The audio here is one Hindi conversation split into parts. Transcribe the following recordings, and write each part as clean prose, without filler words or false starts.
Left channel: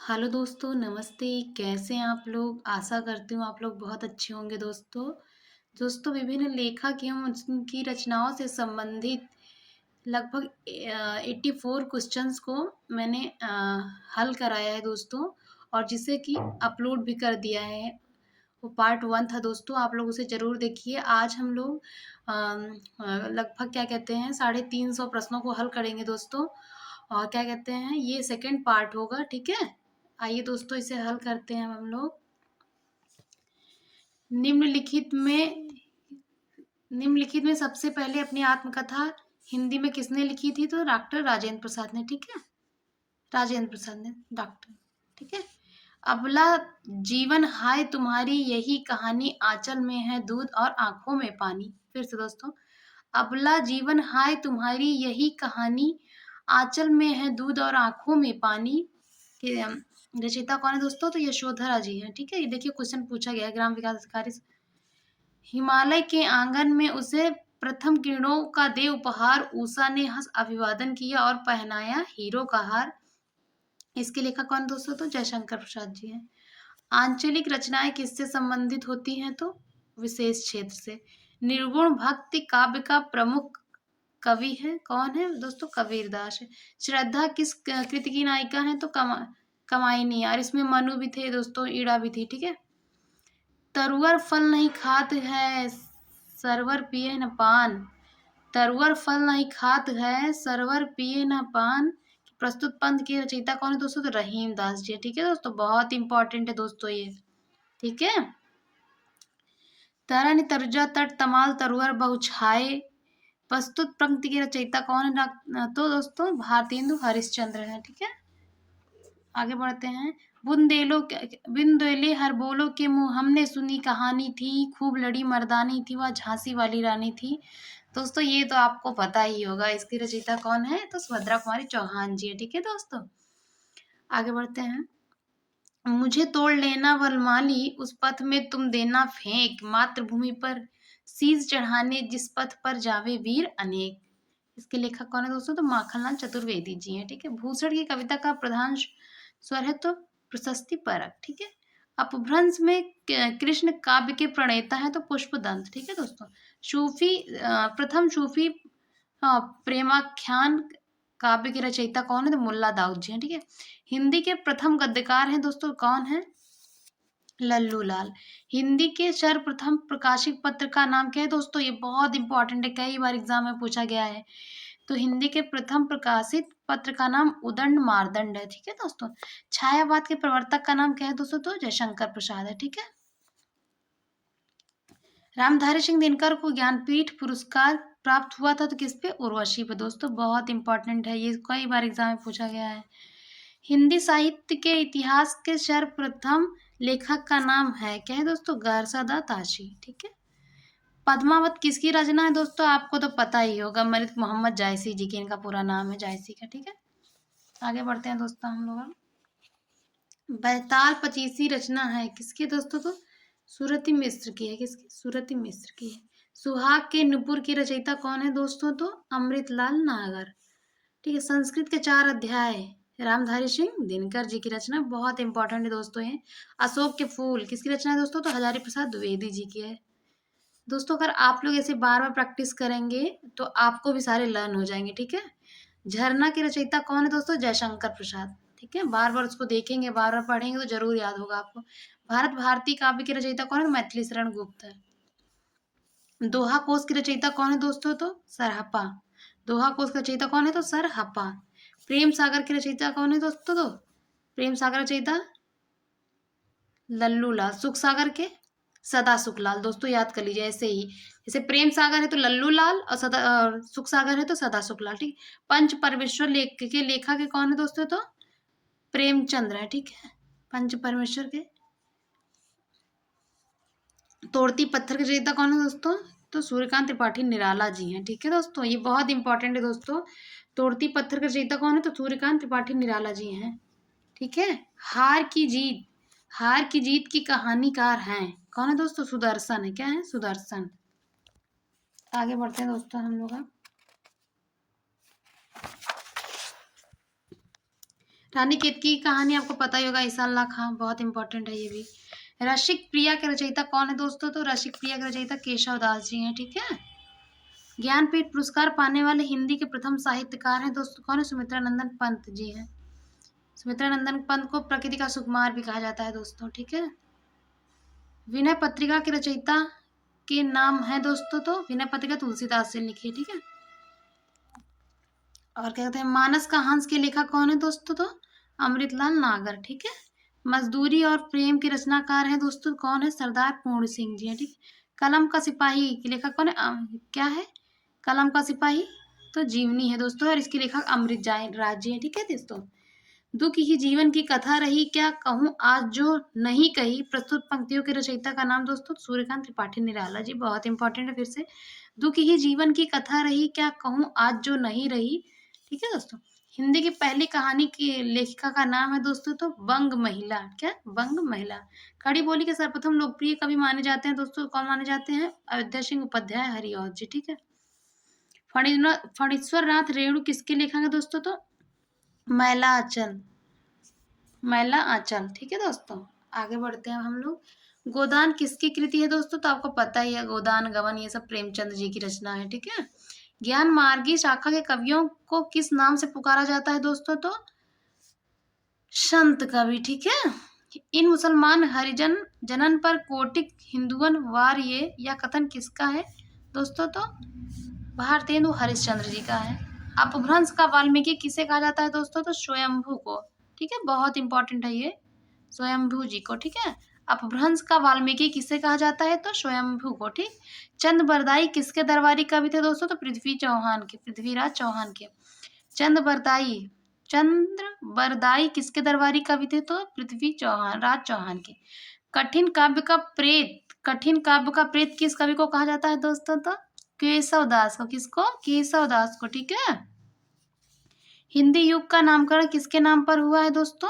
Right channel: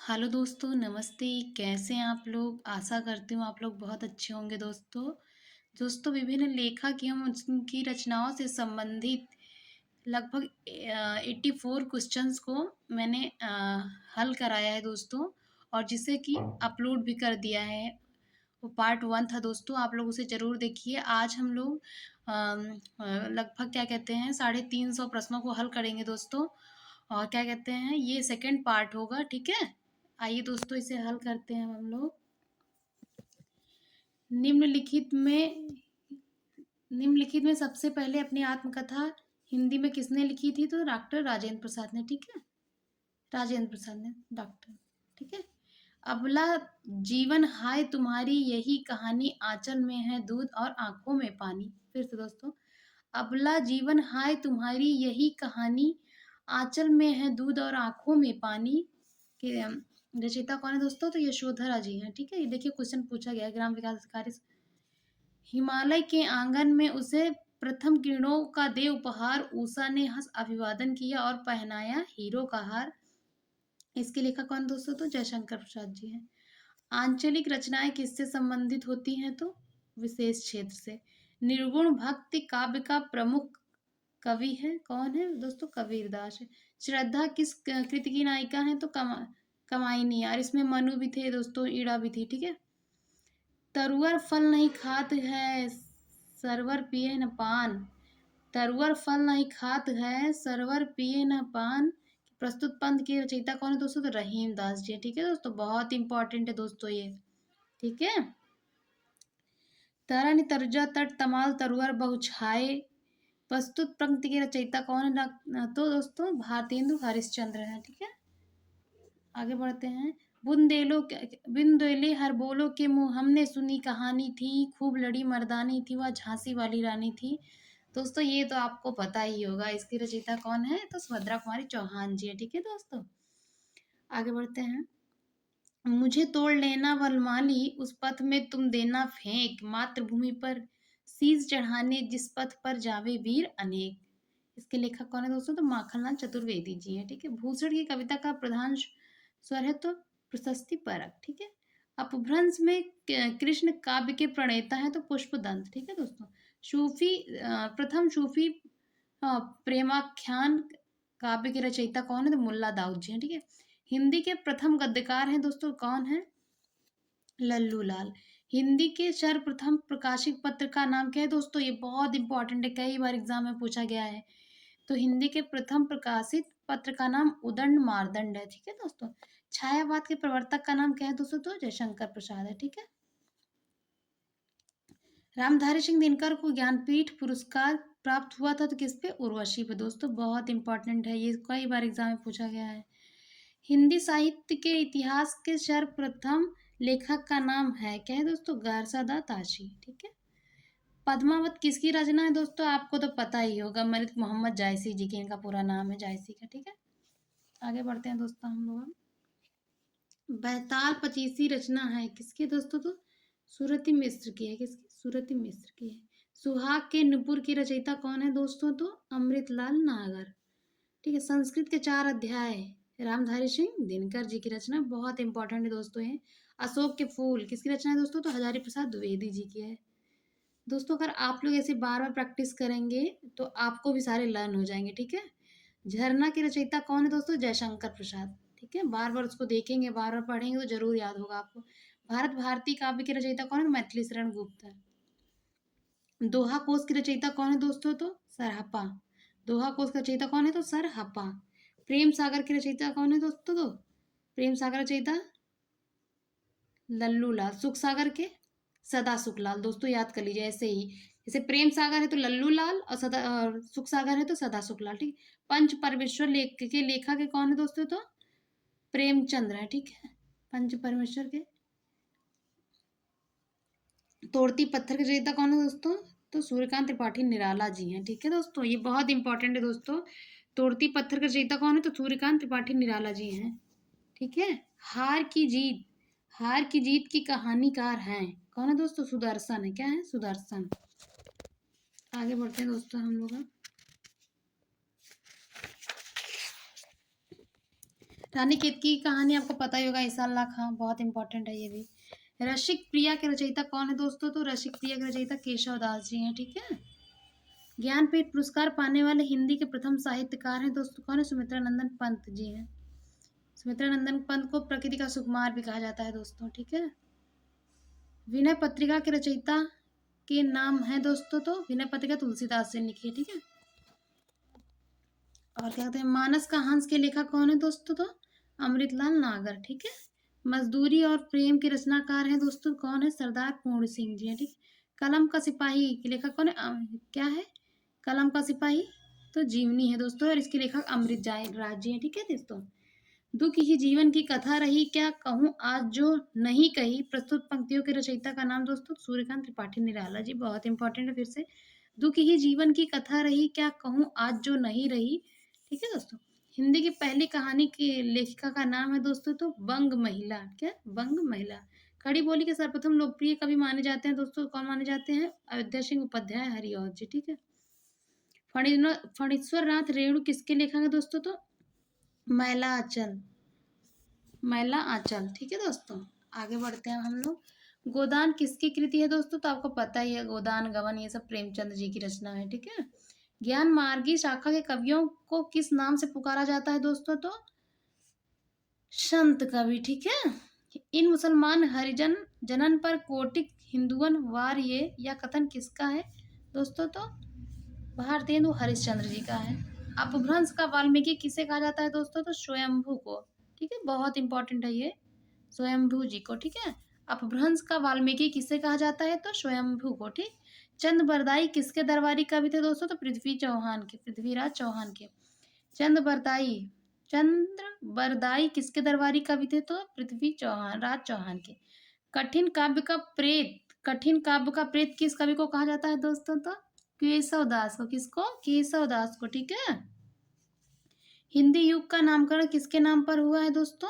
हेलो दोस्तों, नमस्ते। कैसे हैं आप लोग? आशा करती हूँ आप लोग बहुत अच्छे होंगे दोस्तों। दोस्तों, विभिन्न लेखक एवं उनकी रचनाओं से संबंधित लगभग 84 क्वेश्चंस को मैंने हल कराया है दोस्तों, और जिसे कि अपलोड भी कर दिया है। वो पार्ट 1 था दोस्तों, आप लोग उसे ज़रूर देखिए। आज हम लोग लगभग क्या कहते हैं 350 प्रश्नों को हल करेंगे दोस्तों, और क्या कहते हैं ये सेकंड पार्ट होगा, ठीक है? आइए दोस्तों, इसे हल करते हैं हम लोग। निम्नलिखित में निम्नलिखित में सबसे पहले अपनी आत्मकथा हिंदी में किसने लिखी थी? तो डॉक्टर राजेंद्र प्रसाद ने, ठीक है? राजेंद्र प्रसाद ने, डॉक्टर, ठीक है? अबला जीवन हाय तुम्हारी यही कहानी, आंचल में है दूध और आंखों में पानी। फिर से दोस्तों, अबला जीवन हाय तुम्हारी यही कहानी, आंचल में है दूध और आंखों में पानी। के रचयिता कौन है दोस्तों? तो यशोधरा जी हैं, ठीक है? ये देखिए क्वेश्चन पूछा गया है ग्राम विकास अधिकारी से। हिमालय के आंगन में उसे प्रथम किरणों का दे उपहार, उषा ने हंस अभिवादन किया और पहनाया हीरो का हार। इसके लेखक कौन दोस्तों? तो जयशंकर प्रसाद जी हैं। आंचलिक रचनाएं किससे संबंधित होती हैं? तो विशेष क्षेत्र से। निर्गुण भक्ति काव्य का प्रमुख कवि है, कौन है दोस्तों? कबीरदास है। श्रद्धा किस कृति की नायिका है? तो कमाइनी। और इसमें मनु भी थे दोस्तों, ईड़ा भी थी, ठीक है? तरुअर फल नहीं खात है, सरवर पिए न पान। तरुअर फल नहीं खात है, सरवर पिए न पान। प्रस्तुत पंथ की रचयिता कौन है दोस्तों? तो रहीम दास जी, ठीक है दोस्तों? बहुत इंपॉर्टेंट है दोस्तों ये, ठीक है? तरन तर्जा तट तमाल तरुअर बहुछाए, प्रस्तुत पंक्ति की रचयिता कौन है? तो दोस्तों भारतेंदु हरिश्चंद्र है, ठीक है? आगे बढ़ते हैं। बुंदेले हर बोलो के मुंह, हमने सुनी कहानी थी, खूब लड़ी मर्दानी थी, वह झांसी वाली रानी थी। दोस्तों ये तो आपको पता ही होगा, इसकी रचयिता कौन है? तो सुभद्रा कुमारी चौहान जी है, ठीक है दोस्तों? आगे बढ़ते हैं। मुझे तोड़ लेना वनमाली, उस पथ में तुम देना फेंक, मातृभूमि पर शीश चढ़ाने जिस पथ पर जावे वीर अनेक। इसके लेखक कौन है दोस्तों? तो माखनलाल चतुर्वेदी जी हैं, ठीक है? भूषण की कविता का प्रधान स्वर है तो प्रशस्ति परक, ठीक है? अपभ्रंश में कृष्ण काव्य के प्रणेता है तो पुष्पदंत, ठीक है दोस्तों? सूफी प्रथम सूफी प्रेमाख्यान काव्य की रचयिता कौन है? तो मुल्ला दाऊद जी हैं, ठीक है? हिंदी के प्रथम गद्यकार हैं दोस्तों, कौन है? लल्लू लाल। हिंदी के सर्वप्रथम प्रकाशित पत्र का नाम क्या है दोस्तों? ये बहुत इंपॉर्टेंट है, कई बार एग्जाम में पूछा गया है। तो हिंदी के प्रथम प्रकाशित पत्र का नाम उदंड मार्दंड है, ठीक है दोस्तों? छायावाद के प्रवर्तक का नाम क्या है दोस्तों? तो जयशंकर प्रसाद है, ठीक है? रामधारी सिंह दिनकर को ज्ञानपीठ पुरस्कार प्राप्त हुआ था तो किस पे? उर्वशी पे दोस्तों, बहुत इंपॉर्टेंट है ये, कई बार एग्जाम में पूछा गया है। हिंदी साहित्य के इतिहास के सर्वप्रथम लेखक का नाम है क्या है दोस्तों? गारसादा ताशी, ठीक है? पद्मावत किसकी रचना है दोस्तों? आपको तो पता ही होगा, मलिक मोहम्मद जायसी जी की, इनका पूरा नाम है जायसी का, ठीक है? आगे बढ़ते हैं दोस्तों हम लोग। बैताल पचीसी रचना है किसकी दोस्तों? तो सूरती मिश्र की है, किसकी? सूरती मिश्र की है। सुहाग के नुपुर की रचयिता कौन है दोस्तों? तो अमृतलाल नागर, ठीक है? संस्कृत के 4 अध्याय रामधारी सिंह दिनकर जी की रचना, बहुत इंपॉर्टेंट है दोस्तों ये। अशोक के फूल किसकी रचना है दोस्तों? तो हजारी प्रसाद द्विवेदी जी की है। दोस्तों अगर आप लोग ऐसे बार बार प्रैक्टिस करेंगे तो आपको भी सारे लर्न हो जाएंगे, ठीक है? झरना की रचयिता कौन है दोस्तों? जयशंकर प्रसाद, ठीक है? बार बार उसको देखेंगे, बार बार पढ़ेंगे तो जरूर याद होगा आपको। भारत भारती काव्य की रचयिता कौन है? तो मैथिली शरण गुप्त है। दोहा कोश की रचयिता कौन है दोस्तों? तो सरहपा। दोहा कोश का रचयिता कौन है? तो सरहपा। प्रेम सागर की रचयिता कौन है दोस्तों? तो प्रेम सागर रचयिता लल्लू लाल। सुख सागर के सदा सुखलाल, दोस्तों याद कर लीजिए ऐसे ही। जैसे प्रेम सागर है तो लल्लू लाल, और सुख सागर है तो सदा सुखलाल, ठीक? पंच परमेश्वर के लेखक के कौन है दोस्तों? तो प्रेमचंद्र है, ठीक है? पंच परमेश्वर के। तोड़ती पत्थर के रचयिता कौन है दोस्तों? तो सूर्यकांत त्रिपाठी निराला जी हैं, ठीक है दोस्तों? ये बहुत इंपॉर्टेंट है दोस्तों। तोड़ती पत्थर के रचयिता कौन है? तो सूर्यकांत त्रिपाठी निराला जी हैं, ठीक है? हार की जीत हार की जीत की कहानीकार हैं, कौन है दोस्तों? सुदर्शन है, क्या है? सुदर्शन। आगे बढ़ते हैं दोस्तों हम लोग। रानी केतकी की कहानी आपको पता ही होगा, ईसा अल्लाह खां, बहुत इंपॉर्टेंट है ये भी। रसिक प्रिया के रचयिता कौन है दोस्तों? तो रसिक प्रिया के रचयिता केशव दास जी हैं, ठीक है। ज्ञानपीठ पुरस्कार पाने वाले हिंदी के प्रथम साहित्यकार हैं दोस्तों, कौन है? सुमित्रा नंदन पंत जी हैं। सुमित्रा नंदन पंत को प्रकृति का सुकुमार भी कहा जाता है दोस्तों, ठीक है। विनय पत्रिका के रचयिता के नाम है दोस्तों, तो विनय पत्रिका तुलसीदास जी लिखी है, ठीक है। और क्या कहते हैं, मानस का हंस के लेखक कौन है दोस्तों? तो अमृतलाल नागर, ठीक है। मजदूरी और प्रेम के रचनाकार हैं दोस्तों, कौन है? सरदार पूर्ण सिंह जी हैं, ठीक। कलम का सिपाही के लेखक कौन है? क्या है? कलम का सिपाही तो जीवनी है दोस्तों, और इसके लेखक अमृत राज जी हैं, ठीक है दोस्तों। दुख ही जीवन की कथा रही, क्या कहूँ आज जो नहीं कही, प्रस्तुत पंक्तियों के रचयिता का नाम दोस्तों? सूर्यकांत त्रिपाठी निराला जी, बहुत इंपॉर्टेंट है फिर से। दुख ही जीवन की कथा रही, क्या कहूँ आज जो नहीं रही, ठीक है दोस्तों। हिंदी की पहली कहानी की लेखिका का नाम है दोस्तों, तो बंग महिला, क्या? बंग महिला। खड़ी बोली के सर्वप्रथम लोकप्रिय कवि माने जाते हैं दोस्तों, कौन माने जाते हैं? अयोध्या सिंह उपाध्याय हरिऔध जी, ठीक है। फणीश्वर नाथ रेणु किसके लेखक है दोस्तों? तो मैला आंचल, मैला आंचल, ठीक है दोस्तों। आगे बढ़ते हैं हम लोग। गोदान किसकी कृति है दोस्तों? तो आपको पता ही है, गोदान गबन ये सब प्रेमचंद जी की रचना है, ठीक है। ज्ञान मार्गी शाखा के कवियों को किस नाम से पुकारा जाता है दोस्तों? तो संत कवि, ठीक है। इन मुसलमान हरिजन जनन पर कोटिक हिंदुअन वार ये या कथन किसका है दोस्तों? तो भारतेंदु हरिश्चंद्र जी का है। अपभ्रंश का वाल्मीकि किसे कहा जाता है दोस्तों? तो स्वयंभू को, ठीक है, बहुत इंपॉर्टेंट है ये, स्वयंभू जी को, ठीक है। अपभ्रंश का वाल्मीकि किसे कहा जाता है? तो स्वयंभू को, ठीक। चंद बरदाई किसके दरबारी कवि थे दोस्तों? तो पृथ्वी चौहान के, पृथ्वीराज चौहान के। चंद बरदाई, चंद्र बरदाई किसके दरबारी कवि थे? तो पृथ्वी चौहान, राज चौहान के। कठिन काव्य का प्रेत, कठिन काव्य का प्रेत किस कवि को कहा जाता है दोस्तों? तो केशव दास को, किसको? केशव दास को, ठीक है। हिंदी युग का नामकरण किसके नाम पर हुआ है दोस्तों?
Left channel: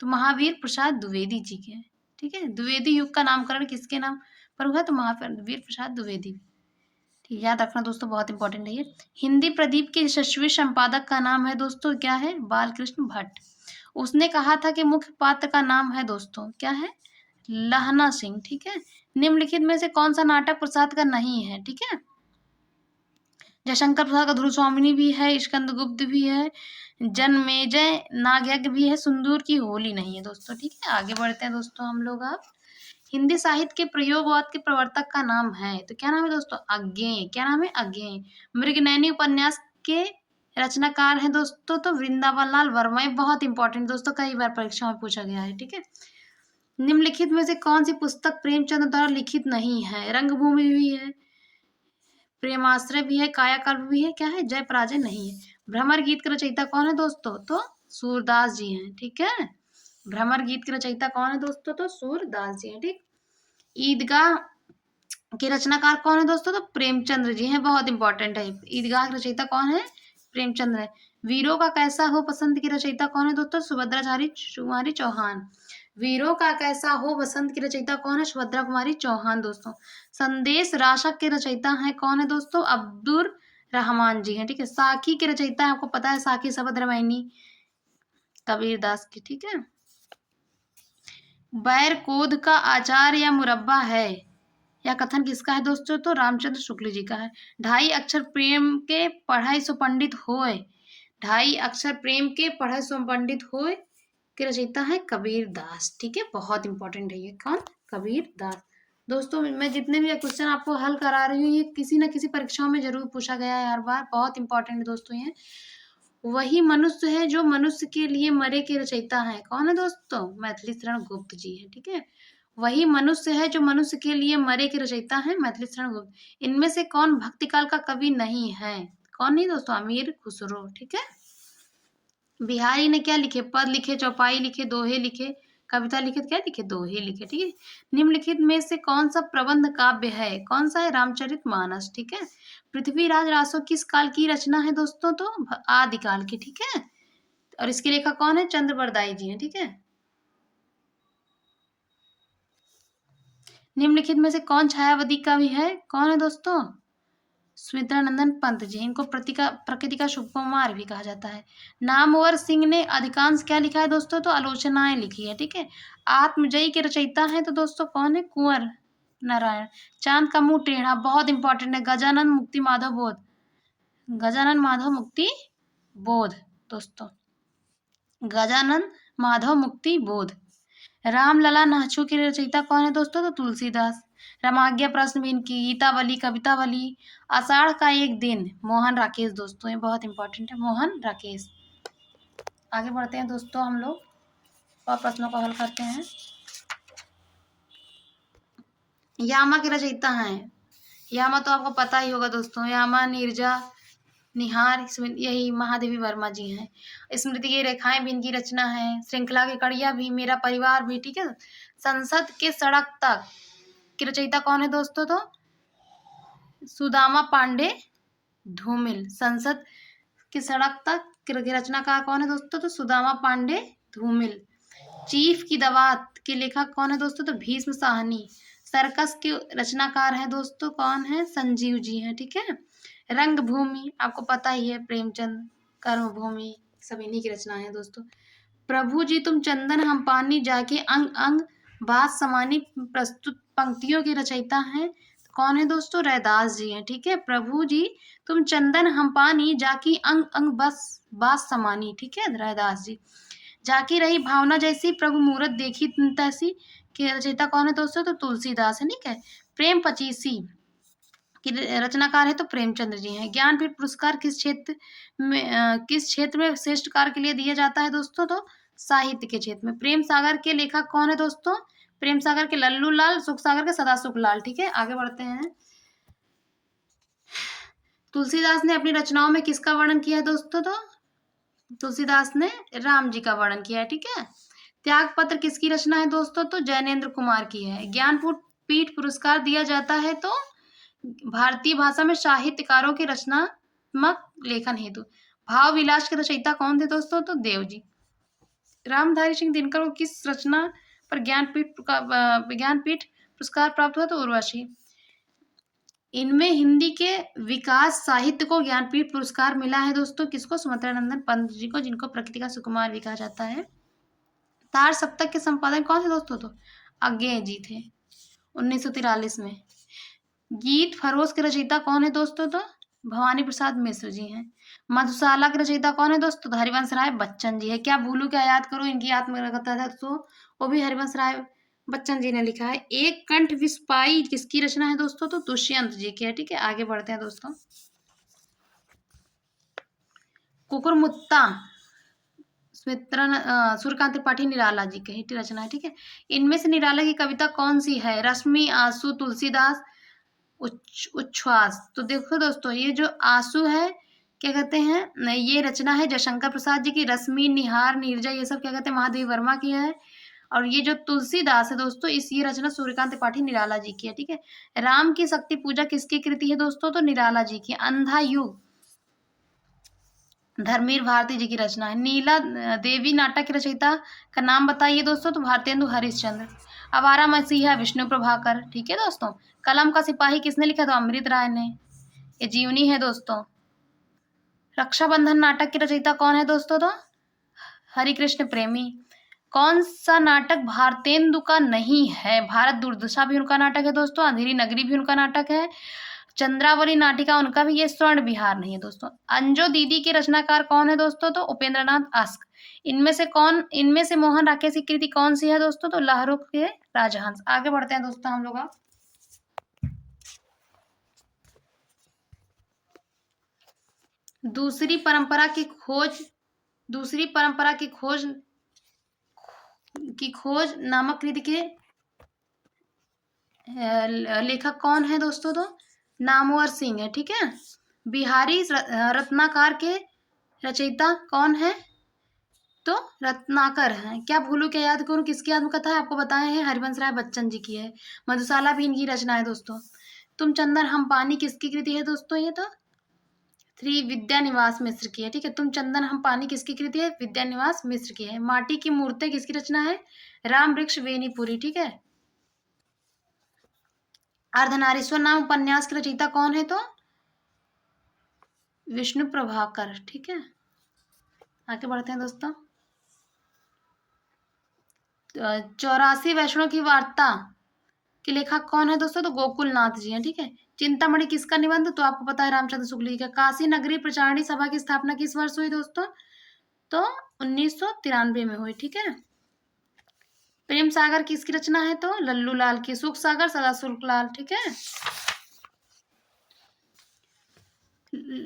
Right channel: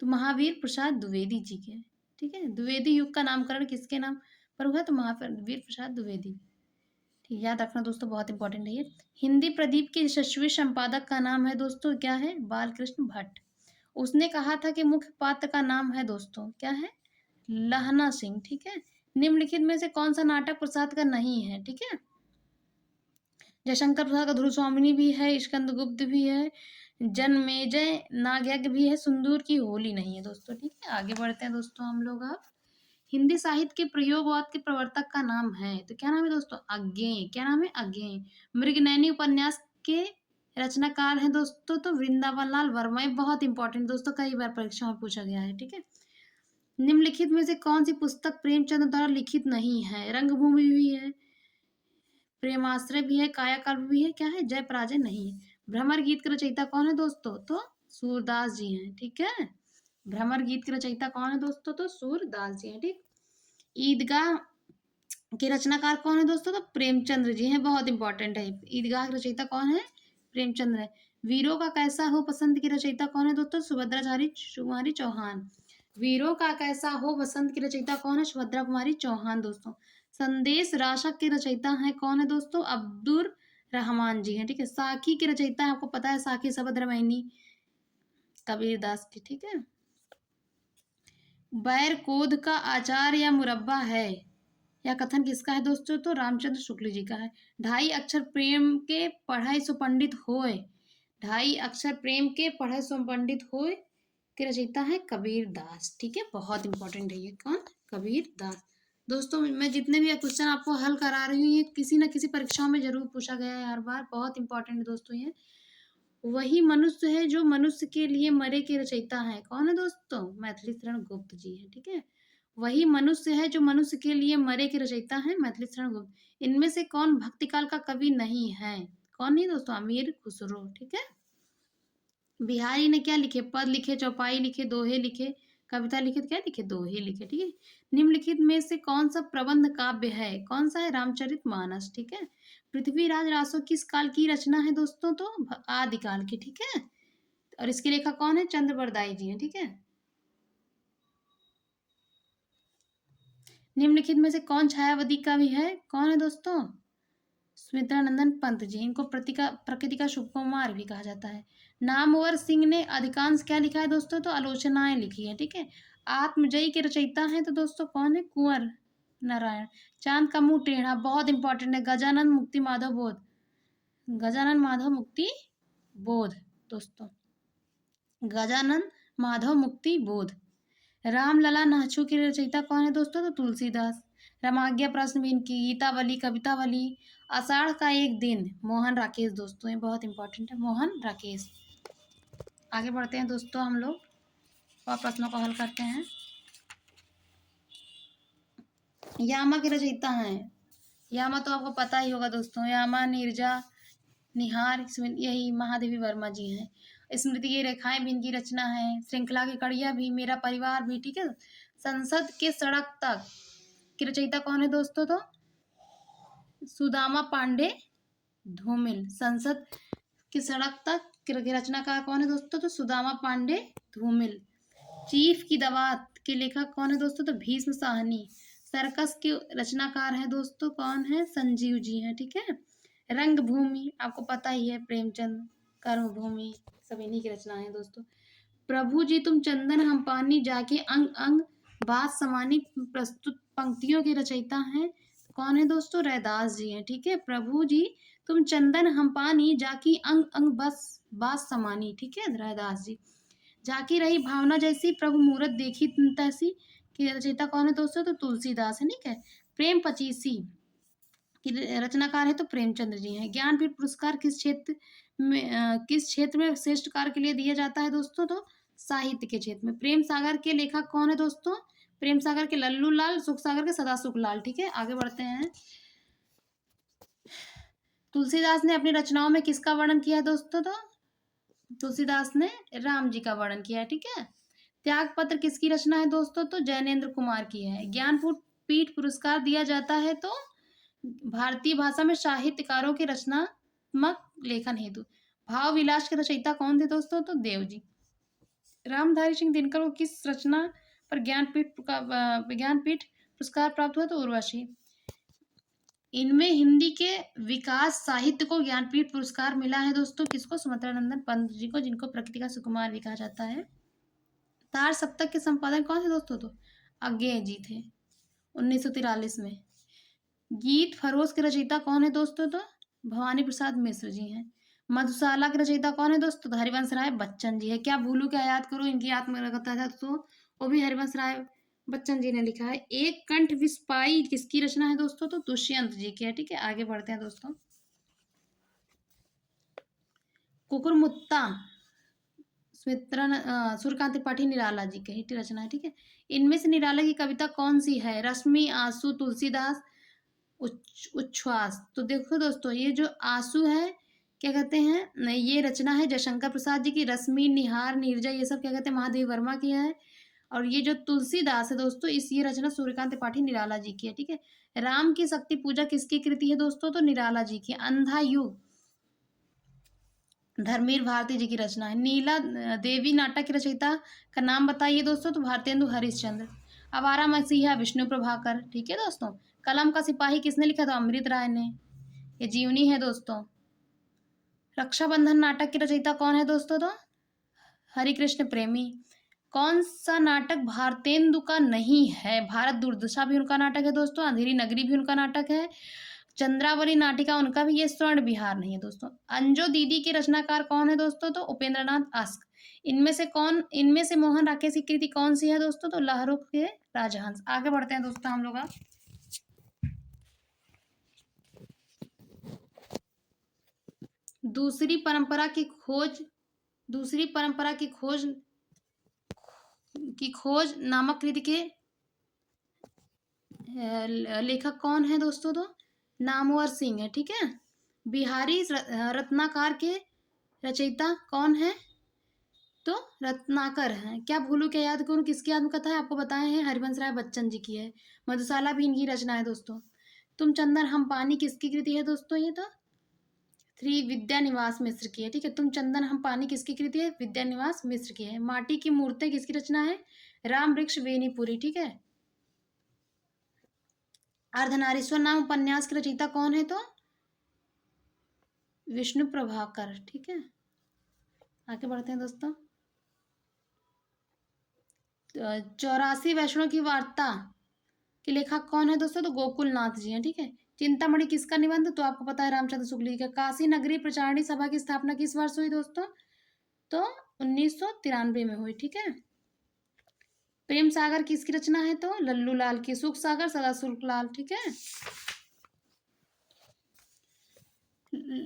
तो महावीर प्रसाद द्विवेदी जी के, ठीक है। द्विवेदी युग का नामकरण किसके नाम पर हुआ? तो महावीर प्रसाद द्विवेदी, ठीक, याद रखना दोस्तों, बहुत इंपॉर्टेंट है ये। हिंदी प्रदीप के यशस्वी संपादक का नाम है दोस्तों, क्या है? बालकृष्ण भट्ट। उसने कहा था कि मुख्य पात्र का नाम है दोस्तों, क्या है? लहना सिंह, ठीक है। निम्नलिखित में से कौन सा नाटक प्रसाद का नहीं है? ठीक है। जयशंकर प्रसाद का ध्रुव स्वामिनी भी है, स्कंदगुप्त भी है, जनमेजय नागयज्ञ भी है, सुंदूर की होली नहीं है दोस्तों, ठीक है। आगे बढ़ते हैं दोस्तों हम लोग। आप हिंदी साहित्य के प्रयोगवाद के प्रवर्तक का नाम है, तो क्या नाम है दोस्तों? अज्ञेय, क्या नाम है? अज्ञेय। मृगनयनी उपन्यास के रचनाकार है दोस्तों, तो वृंदावन लाल वर्मा, ये बहुत इंपॉर्टेंट दोस्तों, कई बार परीक्षा में पूछा गया है, ठीक है। निम्नलिखित में से कौन सी पुस्तक प्रेमचंद द्वारा लिखित नहीं है? रंगभूमि भी है, प्रेमाश्रय भी है, कायाकल्प भी है, क्या है? जय पराजय नहीं है। भ्रमर गीत के रचयिता कौन है दोस्तों? तो सूरदास जी हैं, ठीक है। भ्रमर गीत के रचयिता कौन है दोस्तों? तो सूरदास जी हैं, ठीक। ईदगाह के रचनाकार कौन है दोस्तों? तो प्रेमचंद्र जी हैं, बहुत इंपॉर्टेंट है। ईदगाह के रचयिता कौन है? प्रेमचंद्र है। वीरों का कैसा हो बसंत की रचयिता कौन है दोस्तों? सुभद्रा कुमारी चौहान। वीरों का कैसा हो बसंत की रचयिता कौन है? सुभद्रा कुमारी चौहान दोस्तों। संदेश राशक के रचयिता हैं कौन है दोस्तों? अब्दुल रहमान जी हैं, ठीक है। साखी के रचयिता है, आपको पता है, साखी शबद रामायणी कबीर दास की, ठीक है। बैर कोद का आचार या मुरब्बा है या कथन किसका है दोस्तों? तो रामचंद्र शुक्ल जी का है। ढाई अक्षर प्रेम के पढ़ाई सो पंडित होए, ढाई अक्षर प्रेम के पढ़ाई सो पंडित होए के रचयिता है कबीर दास, ठीक है। बहुत इंपॉर्टेंट है ये, कौन? कबीर दास। दोस्तों मैं जितने भी क्वेश्चन आपको हल करा रही हूँ, ये किसी न किसी परीक्षाओं में जरूर पूछा गया है हर बार, बहुत इंपॉर्टेंट है दोस्तों ये। वही मनुष्य है जो मनुष्य के लिए मरे के रचयिता है, कौन है दोस्तों? मैथिली शरण गुप्त जी है, ठीक है। वही मनुष्य है जो मनुष्य के लिए मरे के रचयिता है, मैथिली शरण गुप्त। इनमें से कौन भक्तिकाल का कवि नहीं है? कौन नहीं दोस्तों? अमीर खुसरो, ठीक है। बिहारी ने क्या लिखे? पद लिखे, चौपाई लिखे, दोहे लिखे, कविता लिखे, क्या लिखे? दोहे लिखे, ठीक है। निम्नलिखित में से कौन सा प्रबंध काव्य है? कौन सा है? रामचरितमानस, ठीक है। पृथ्वीराज रासो किस काल की रचना है दोस्तों? तो आदिकाल की, ठीक है। और इसके लेखक कौन है? चंद्र बरदाई जी हैं, ठीक है। निम्नलिखित में से कौन छायावादी कवि है? कौन है दोस्तों? सुमित्रानंदन पंत जी, इनको प्रकृति का शुभ कुमार भी कहा जाता है। नामवर सिंह ने अधिकांश क्या लिखा है दोस्तों? तो आलोचनाएं लिखी है, ठीक है। आत्मजयी के रचयिता हैं तो दोस्तों कौन है? कुंवर नारायण। चांद का मुंह टेढ़ा बहुत इंपॉर्टेंट है, गजानन मुक्ति माधव बोध, गजानन माधव मुक्ति बोध दोस्तों, गजानन माधव मुक्ति बोध। रामलला नाचू के रचयिता कौन है दोस्तों? तो तुलसीदास। रामाज्ञा प्रश्न भी इनकी, गीतावली, कवितावली, आषाढ़ का एक दिन, मोहन राकेश दोस्तों, ये बहुत इंपॉर्टेंट है, मोहन राकेश। आगे बढ़ते हैं दोस्तों, हम लोग और प्रश्नों को हल करते हैं। यामा के रचयिता हैं, यामा तो आपको पता ही होगा दोस्तों, यामा, नीरजा, निहार, यही महादेवी वर्मा जी हैं। स्मृति की रेखाएं भी इनकी रचना है। श्रृंखला की कड़ियां भी, मेरा परिवार भी, ठीक है। संसद के सड़क तक की रचयिता कौन है दोस्तों? तो सुदामा पांडे धूमिल। संसद की सड़क तक की रचनाकार कौन है दोस्तों? तो सुदामा पांडे धूमिल। चीफ की दवात के लेखक कौन है दोस्तों? तो भीष्म साहनी। सर्कस के रचनाकार हैं दोस्तों, कौन है? संजीव जी हैं, ठीक है। रंगभूमि आपको पता ही है, प्रेमचंद, कर्मभूमि, सब इन्हीं की रचना है दोस्तों। प्रभु जी तुम चंदन हम पानी जाके अंग अंग बात समानी प्रस्तुत पंक्तियों के रचयिता हैं, कौन है दोस्तों? रैदास जी हैं, ठीक है। प्रभु जी तुम चंदन हम पानी जाकी अंग अंग बस बात समानी, ठीक है, रैदास जी। जाकी रही भावना जैसी प्रभु मूरत देखी तैसी के रचयिता कौन है दोस्तों? तो तुलसीदास है, ठीक है। प्रेम पचीसी की रचनाकार है तो प्रेमचंद्र जी हैं। ज्ञानपीठ पुरस्कार किस क्षेत्र में श्रेष्ठ कार्य के लिए दिया जाता है दोस्तों? तो साहित्य के क्षेत्र में। प्रेम सागर के लेखक कौन है दोस्तों? प्रेम सागर के लल्लू लाल, सुख सागर के सदा सुख लाल, ठीक है। आगे बढ़ते हैं। तुलसीदास ने अपनी रचनाओं में किसका वर्णन किया है दोस्तों? तो तुलसीदास ने राम जी का वर्णन किया है, ठीक है। त्याग पत्र किसकी रचना है दोस्तों? तो जैनेन्द्र कुमार की है। ज्ञानपीठ पीठ पुरस्कार दिया जाता है तो भारतीय भाषा में साहित्यकारों की रचनात्मक लेखन हेतु। भाव विलास के रचयिता कौन थे दोस्तों? तो देव जी। रामधारी सिंह दिनकर को किस रचना पर ज्ञानपीठ पुरस्कार प्राप्त हुआ? तो उर्वशी। इनमें हिंदी के विकास साहित्य को ज्ञानपीठ पुरस्कार मिला है दोस्तों, किसको? सुमित्रानंदन पंत जी को, जिनको प्रकृति का सुकुमार भी कहा जाता है। तार सप्तक के संपादक कौन थे दोस्तों? तो अज्ञेय जी थे, 1943 में। गीत फरोश के रचयिता कौन है दोस्तों? तो भवानी प्रसाद मिश्र जी हैं। मधुशाला के रचयिता कौन है दोस्तों? तो हरिवंश राय बच्चन जी है। क्या भूलू क्या याद करो, इनकी आत्मकथा है तो वो भी हरिवंश राय बच्चन जी ने लिखा है। एक कंठ विस्पाई किसकी रचना है दोस्तों? तो दुष्यंत जी की है, ठीक है। आगे बढ़ते हैं दोस्तों। कुकुरमुत्ता सूर्यकांत त्रिपाठी निराला जी की रचना है, ठीक है। इनमें से निराला की कविता कौन सी है? रश्मि, आंसू, तुलसीदास, उच्छ्वास। तो देखो दोस्तों, ये जो आंसू है क्या कहते हैं, ये रचना है जयशंकर प्रसाद जी की। रश्मि, निहार, नीरजा, ये सब क्या कहते हैं, महादेवी वर्मा की है। और ये जो तुलसीदास है दोस्तों, ये रचना सूर्यकांत त्रिपाठी निराला जी की है, ठीक है। राम की शक्ति पूजा किसकी कृति है दोस्तों? तो निराला जी की। अंधा युग धर्मवीर भारती जी की रचना है। नीला देवी नाटक की रचयिता का नाम बताइए दोस्तों? तो भारतेंदु हरिश्चंद्र। आवारा मसीहा विष्णु प्रभाकर, ठीक है दोस्तों। कलम का सिपाही किसने लिखा? तो अमृत राय ने। ये जीवनी है दोस्तों। रक्षाबंधन नाटक की रचयिता कौन है दोस्तों? तो हरिकृष्ण प्रेमी। कौन सा नाटक भारतेंदु का नहीं है? भारत दुर्दशा भी उनका नाटक है दोस्तों। अंधेरी नगरी भी उनका नाटक है। चंद्रावली नाटिका उनका भी। ये स्वर्ण विहार नहीं है दोस्तों। अंजो दीदी के रचनाकार कौन है दोस्तों? तो उपेंद्रनाथ आस्क। इनमें से मोहन राकेश की कृति कौन सी है दोस्तों? तो लहरों के राजहंस। आगे बढ़ते हैं दोस्तों हम लोग। दूसरी परंपरा की खोज नामक कृति के लेखक कौन है दोस्तों? तो नामवर सिंह है, ठीक है। बिहारी रत्नाकर के रचयिता कौन है? तो रत्नाकर हैं। क्या भूलू क्या याद करूं किसकी आत्मकथा है? आपको बताए हैं, हरिवंश राय बच्चन जी की है। मधुशाला भी इनकी रचना है दोस्तों। तुम चंदन हम पानी किसकी कृति है दोस्तों? ये तो विद्यानिवास मिश्र की है, ठीक है। तुम चंदन हम पानी किसकी कृति है? विद्यानिवास मिश्र की है। माटी की मूर्तें किसकी रचना है? राम वृक्ष वेनीपुरी, ठीक है। अर्धनारीश्वर नाम उपन्यास की रचयिता कौन है? तो विष्णु प्रभाकर। ठीक है, आगे बढ़ते हैं दोस्तों। 84 वैष्णव की वार्ता के लेखक कौन है दोस्तों? तो गोकुल नाथ जी हैं। ठीक है, चिंतामणि किसका निबंध? तो आपको पता है रामचंद्र शुक्ल जी का। काशी नगरी प्रचारणी सभा की स्थापना किस वर्ष हुई दोस्तों? तो 1993 में हुई। ठीक है, प्रेम सागर किसकी रचना है? तो लल्लू लाल की। सुख सागर सदा शुक्ल लाल। ठीक है,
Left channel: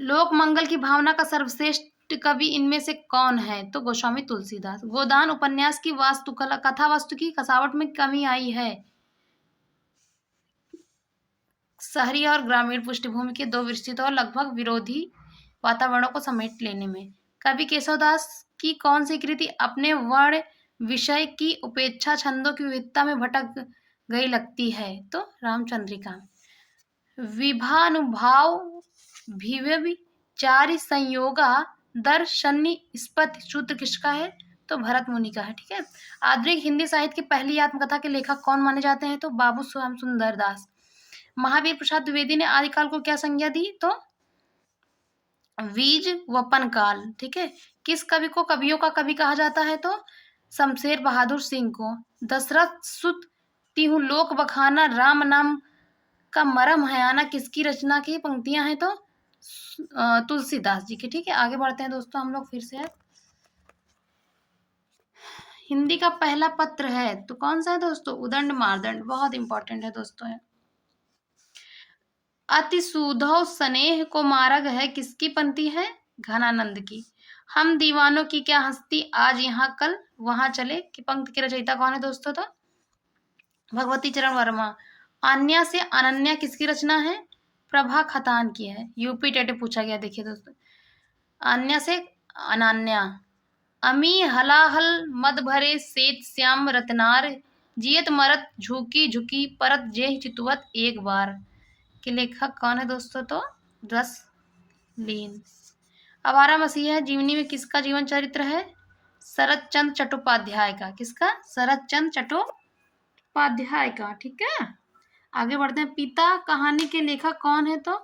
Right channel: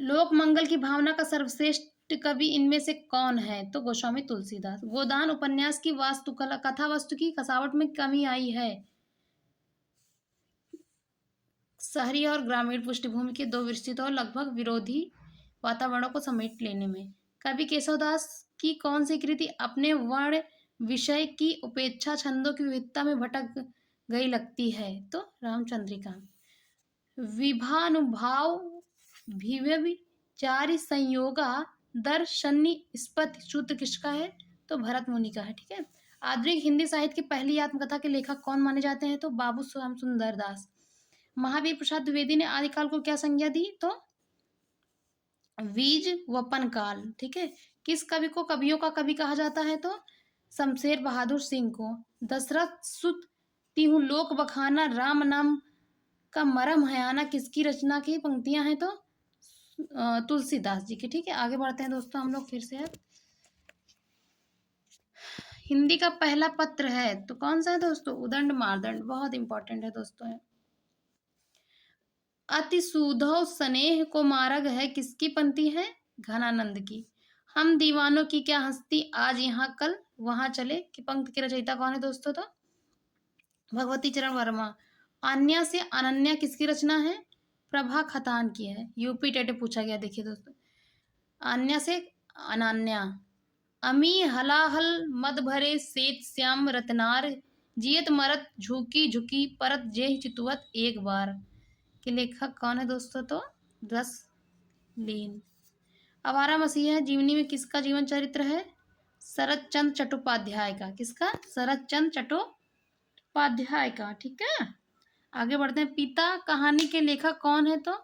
लोक मंगल की भावना का सर्वश्रेष्ठ कवि इनमें से कौन है? तो गोस्वामी तुलसीदास। गोदान उपन्यास की वास्तुकला कथा वास्तु की कसावट में कमी आई है। शहरी और ग्रामीण पृष्ठभूमि के दो विस्तृत और लगभग विरोधी वातावरणों को समेट लेने में। कवि केशवदास की कौन सी कृति अपने वर्ण विषय की उपेक्षा छंदों की विविधता में भटक गई लगती है? तो रामचंद्रिका। विभानुभाव विचारि संयोगा दर्शनी स्पति सूत्र किसका है? तो भरत मुनि का है। ठीक है, आधुनिक हिंदी साहित्य की पहली आत्मकथा के लेखक कौन माने जाते हैं? तो बाबू श्याम सुंदर दास। महावीर प्रसाद द्विवेदी ने आदिकाल को क्या संज्ञा दी? तो बीज वपन काल। ठीक है, किस कवि को कवियों का कवि कहा जाता है? तो शमशेर बहादुर सिंह को। दशरथ सुत तिहु लोक बखाना राम नाम का मरम हयाना किसकी रचना की पंक्तियां हैं? तो तुलसीदास जी की। ठीक है, आगे बढ़ते हैं दोस्तों हम लोग फिर से। हिंदी का पहला पत्र है तो कौन सा है दोस्तों? उदंड मार्दंड। बहुत इंपॉर्टेंट है दोस्तों है। अति सुधो स्नेह को मार्ग है किसकी पंक्ति है? घनानंद की। हम दीवानों की क्या हस्ती आज यहाँ कल वहां चले की पंक्ति के रचयिता कौन है दोस्तों? तो भगवती चरण वर्मा। अन्या से अनन्या किसकी रचना है? प्रभा खतान की है। यूपी टेट पूछा गया, देखिए दोस्तों। अन्या से अनन्या। अमी हलाहल मद भरे सेत श्याम रतनार जियत मरत झुकी झुकी परत जेह चितुवत एक बार के लेखक कौन है दोस्तों? तो रसलीन। आवारा मसीहा जीवनी में किसका जीवन चरित्र है? शरद चंद्र चट्टोपाध्याय का। किसका? शरद चंद्र चट्टोपाध्याय का। ठीक है, आगे बढ़ते हैं। पिता कहानी के लेखक कौन है? तो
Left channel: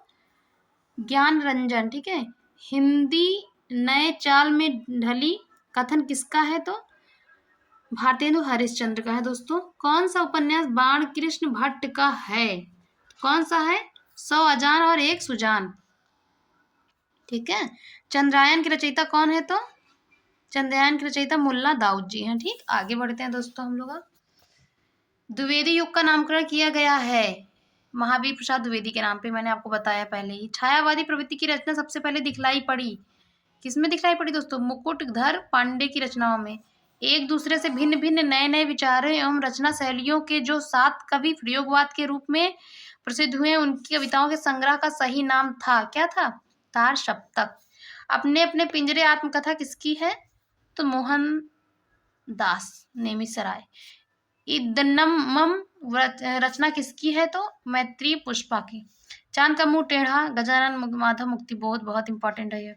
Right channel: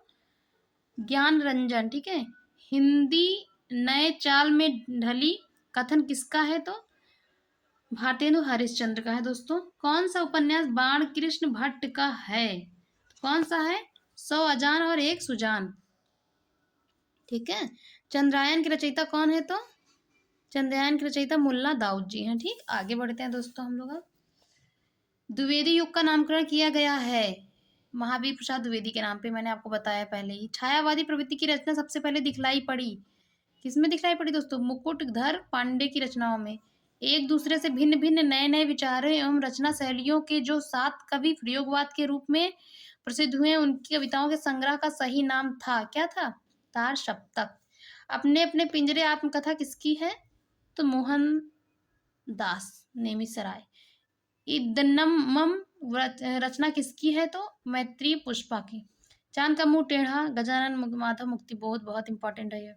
ज्ञान रंजन। ठीक है, हिंदी नए चाल में ढली कथन किसका है? तो भारतेंदु हरिश्चंद्र का है दोस्तों। कौन सा उपन्यास बाण कृष्ण भट्ट का है? कौन सा है? 100 अजान और एक सुजान। ठीक है, चंद्रयान की रचयिता कौन है? तो चंद्रयान की रचयिता मुल्ला दाऊद जी हैं। ठीक, आगे बढ़ते हैं दोस्तों हम लोग। द्विवेदी युग का नामकरण किया गया है महावीर प्रसाद द्विवेदी के नाम पे, मैंने आपको बताया पहले ही। छायावादी प्रवृत्ति की रचना सबसे पहले दिखलाई पड़ी किसमें दिखलाई पड़ी दोस्तों? मुकुटधर पांडे की रचनाओं में। एक दूसरे से भिन्न भिन्न नए नए विचारों एवं रचना शैलियों के जो 7 कवि प्रयोगवाद के रूप में प्रसिद्ध हुए उनकी कविताओं के संग्रह का सही नाम था, क्या था? तार सप्तक। अपने अपने पिंजरे आत्मकथा किसकी है? तो मोहन दास नेमिसराय। इदनम रचना किसकी है? तो मैत्री पुष्पा की। चांद का मुंह टेढ़ा गजानन माधव मुक्तिबोध। बहुत इंपॉर्टेंट है ये।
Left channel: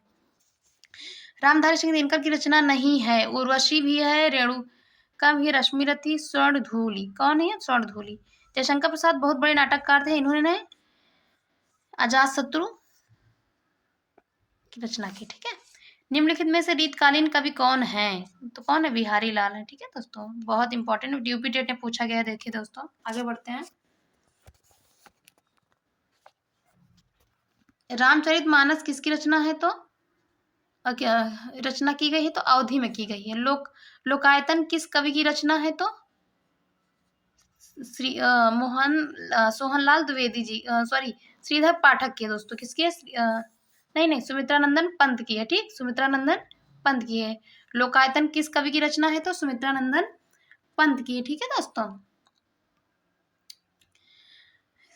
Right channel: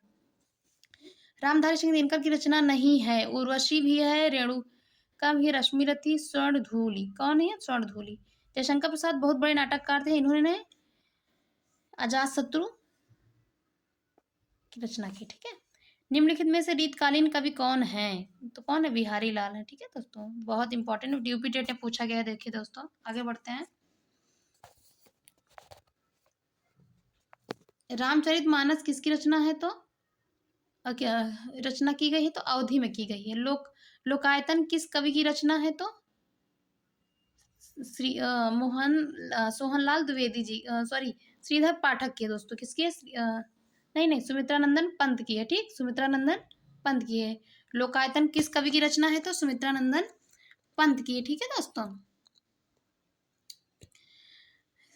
रामधारी सिंह दिनकर की रचना नहीं है। उर्वशी भी है, रेणुका भी, रश्मिरथी, स्वर्णधूलि। कौन है? स्वर्णधूलि। जयशंकर प्रसाद बहुत बड़े नाटककार थे, इन्होंने अजातशत्रु की रचना की। ठीक है, निम्नलिखित में से रीतकालीन कवि कौन है? तो कौन है? बिहारी लाल है। ठीक है दोस्तों, बहुत इंपॉर्टेंट यूपी टेट में पूछा गया है। देखिए दोस्तों, आगे बढ़ते हैं। रामचरितमानस किसकी रचना है? तो रचना की गई है तो अवधि में की गई है। लोकायतन किस कवि की रचना है? तो सोहनलाल द्विवेदी जी, सॉरी श्रीधर पाठक की है दोस्तों। किसकी है? नहीं, सुमित्रानंदन पंत की है। ठीक, सुमित्रानंदन पंत की है। लोकायतन किस कवि की रचना है? तो सुमित्रानंदन पंत की है। ठीक है दोस्तों,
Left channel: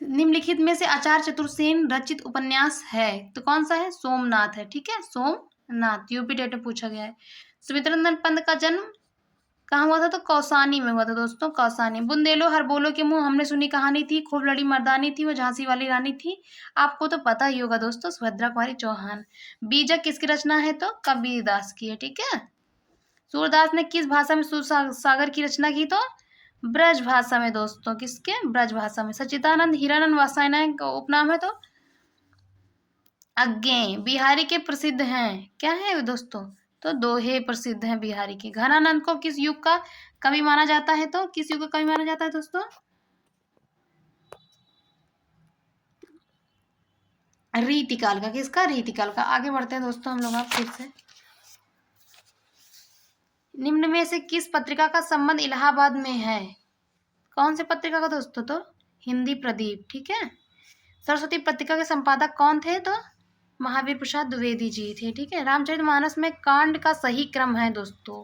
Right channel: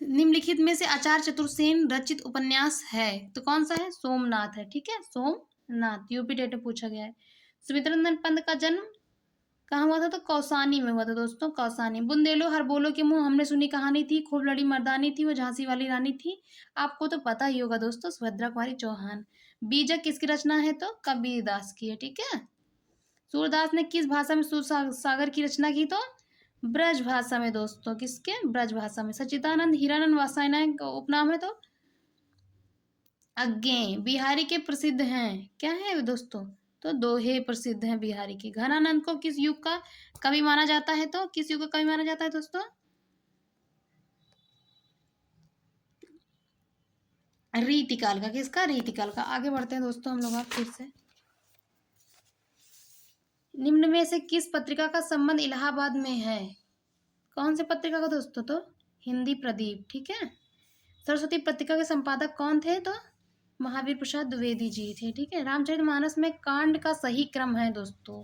निम्नलिखित में से आचार्य चतुर्सेन रचित उपन्यास है तो कौन सा है? सोमनाथ है। ठीक है, सोमनाथ। यूपी टेट में पूछा गया है। सुमित्रानंदन पंत का जन्म कहाँ हुआ था? तो कौसानी में हुआ था दोस्तों, कौसानी। बुंदेलो हर बोलो के मुंह हमने सुनी कहानी थी, खूब लड़ी मर्दानी थी, वो झांसी वाली रानी थी। आपको तो पता ही होगा दोस्तों, सुभद्रा कुमारी चौहान। बीजक किसकी रचना है? तो कबीरदास की है। ठीक है, सूरदास ने किस भाषा में सूर सागर की रचना की? तो ब्रज भाषा में दोस्तों। किसके? ब्रज भाषा में। सच्चिदानंद हीरानंद वात्स्यायन का उपनाम है तो आज्ञे बिहारी के प्रसिद्ध हैं, क्या है दोस्तों? तो दोहे प्रसिद्ध हैं बिहारी के। घनानंद को किस युग का कवि माना जाता है? तो किस युग का कवि माना जाता है दोस्तों? रीतिकाल का। किसका? रीतिकाल का। आगे बढ़ते हैं दोस्तों हम लोग आप फिर से। निम्न में से किस पत्रिका का संबंध इलाहाबाद में है? कौन सी पत्रिका का दोस्तों? तो हिंदी प्रदीप, ठीक है। सरस्वती पत्रिका के संपादक कौन थे? तो महावीर प्रसाद द्विवेदी जी थे, ठीक है। रामचरितमानस में कांड का सही क्रम है दोस्तों।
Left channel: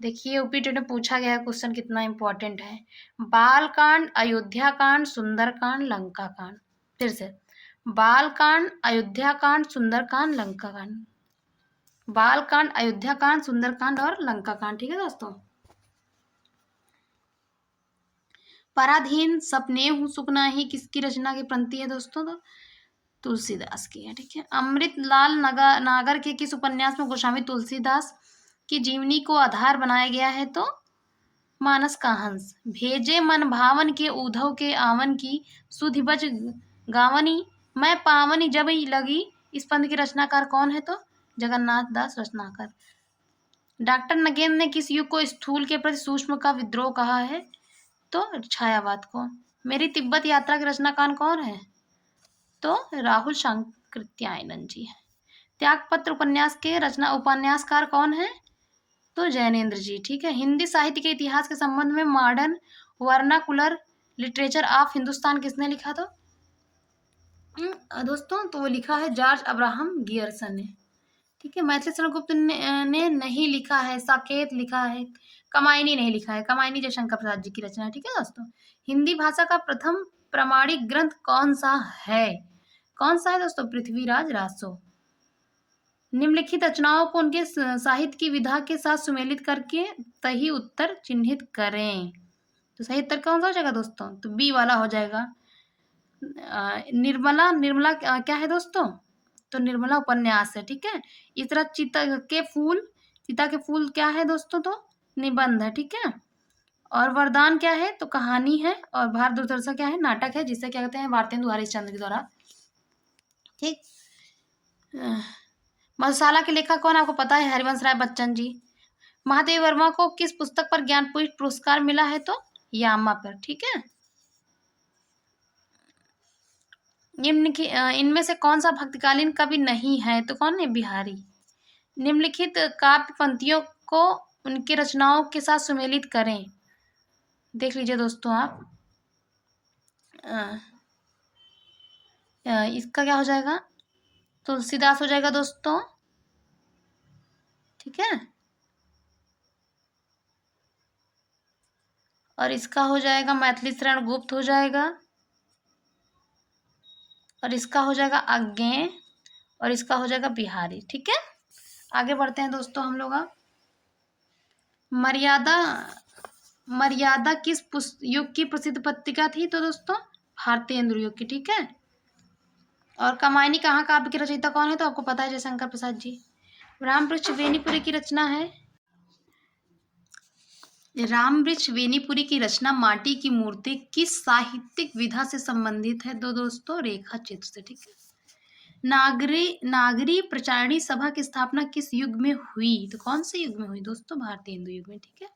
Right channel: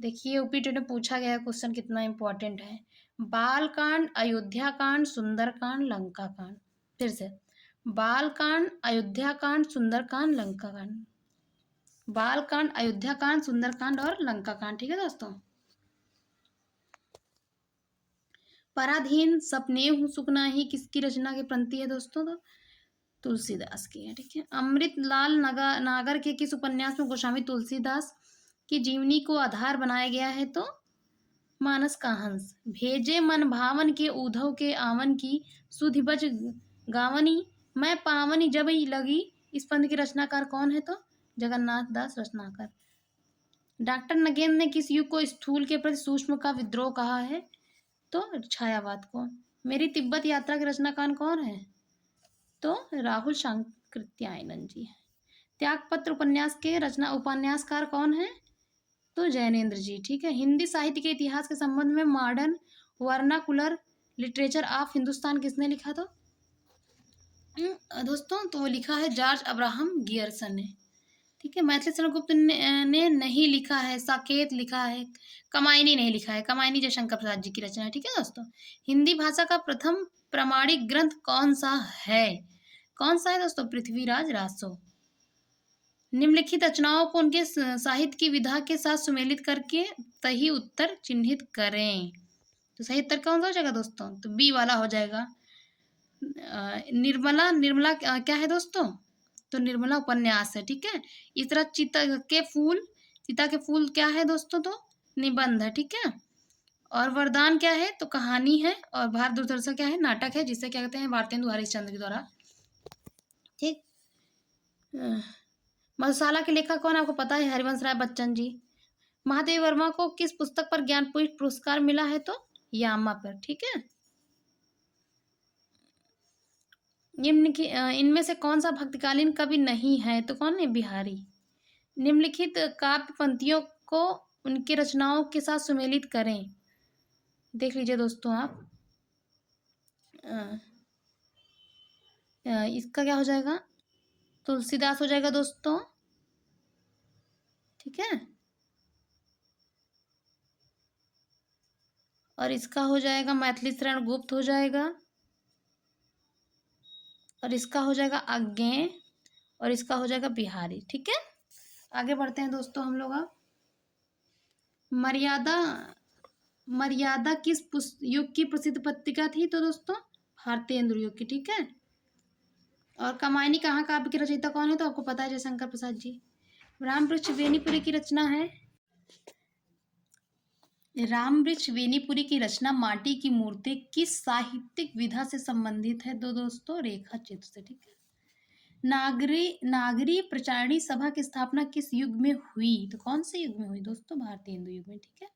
देखिए यूपीटेट में पूछा गया क्वेश्चन कितना इंपॉर्टेंट है। बाल कांड, अयोध्या कांड, सुंदर कांड, लंका कांड। फिर से, बाल कांड, अयोध्या कांड, सुंदर कांड, लंका कांड। बाल कांड, अयोध्या कांड, सुंदर कांड और लंका कांड, ठीक है दोस्तों। पराधीन सपने हूँ सुपना ही किसकी रचना की पंक्ति है दोस्तों? तो तुलसीदास की है, ठीक है। अमृतलाल नागर के किस उपन्यास में गोस्वामी तुलसीदास की जीवनी को आधार बनाया गया है? तो मानस का हंस। भेजे मन भावन के उद्धव के आवन की सुधि बज गावनी मैं पावनी जब ही लगी। इस पंथ की रचनाकार कौन है? तो जगन्नाथ दास रत्नाकर। डॉक्टर नगेंद्र ने किस युग को स्थूल के प्रति सूक्ष्म का विद्रोह कहा है? तो छायावाद को। मेरी तिब्बत यात्रा की रचनाकार कौन है? तो राहुल शांकृत्यायनन जी है। त्यागपत्र उपन्यास के उपन्यासकार कौन है? तो जैनेन्द्र जी, ठीक है। हिंदी साहित्य के इतिहास के संबंध में modern vernacular literature of Hindustan किसने लिखा? तो दोस्तों तो वो लिखा है जॉर्ज अब्राहम गियर्सन ने, ठीक है। मैथिली शरण गुप्त ने नहीं लिखा है, साकेत लिखा है, कमायनी नहीं लिखा है। कमायनी जयशंकर प्रसाद जी की रचना है, ठीक है दोस्तों। हिंदी भाषा का प्रथम प्रामाणिक ग्रंथ कौन सा है? कौन सा है दोस्तों? पृथ्वीराज रासो। निम्नलिखित रचनाओं को उनके साहित्य की विधा के साथ सुमेलित करके सही उत्तर चिन्हित करें। तो सही उत्तर कौन सा हो जाएगा दोस्तों? तो बी वाला हो जाएगा। निर्मला, निर्मला क्या है दोस्तों? तो निर्मला उपन्यास है, ठीक है। इस तरह चिता के फूल क्या है दोस्तों? तो निबंध है, ठीक है। और वरदान क्या है? तो कहानी है। और भारत दुर्दशा क्या है? नाटक है, जिसे क्या कहते हैं? भारतेंदु हरिश्चंद्र के द्वारा, ठीक। मधुशाला के लेखक कौन आपको पता है? हरिवंश राय बच्चन जी। महादेव वर्मा को किस पुस्तक पर ज्ञानपीठ पुरस्कार मिला है? तो यामा पर, ठीक है। इनमें से कौन सा भक्तकालीन कवि नहीं है? तो कौन है? बिहारी। निम्नलिखित काव्य पंक्तियों को उनकी रचनाओं के साथ सुमेलित करें। देख लीजिए दोस्तों आप। इसका क्या हो जाएगा? तुलसीदास हो जाएगा दोस्तों, ठीक है। और इसका हो जाएगा मैथिली शरण गुप्त हो जाएगा। और इसका हो जाएगा आज्ञे। और इसका हो जाएगा बिहारी, ठीक है। आगे बढ़ते हैं दोस्तों हम लोग। मर्यादा, मर्यादा किस युग की प्रसिद्ध पत्रिका थी? तो दोस्तों भारतेंदु युग की, ठीक है। और कमायनी कहाँ काव्य की रचयिता कौन है? तो आपको पता है जयशंकर प्रसाद जी। रामवृक्ष बेनीपुरी की रचना है। रामवृक्ष बेनीपुरी की रचना माटी की मूर्ति किस साहित्यिक विधा से संबंधित है? दोस्तों रेखा चित्र से, ठीक है। नागरी प्रचारणी सभा की स्थापना किस युग में हुई? तो कौन से युग में हुई दोस्तों? भारतेंदु युग में, ठीक है।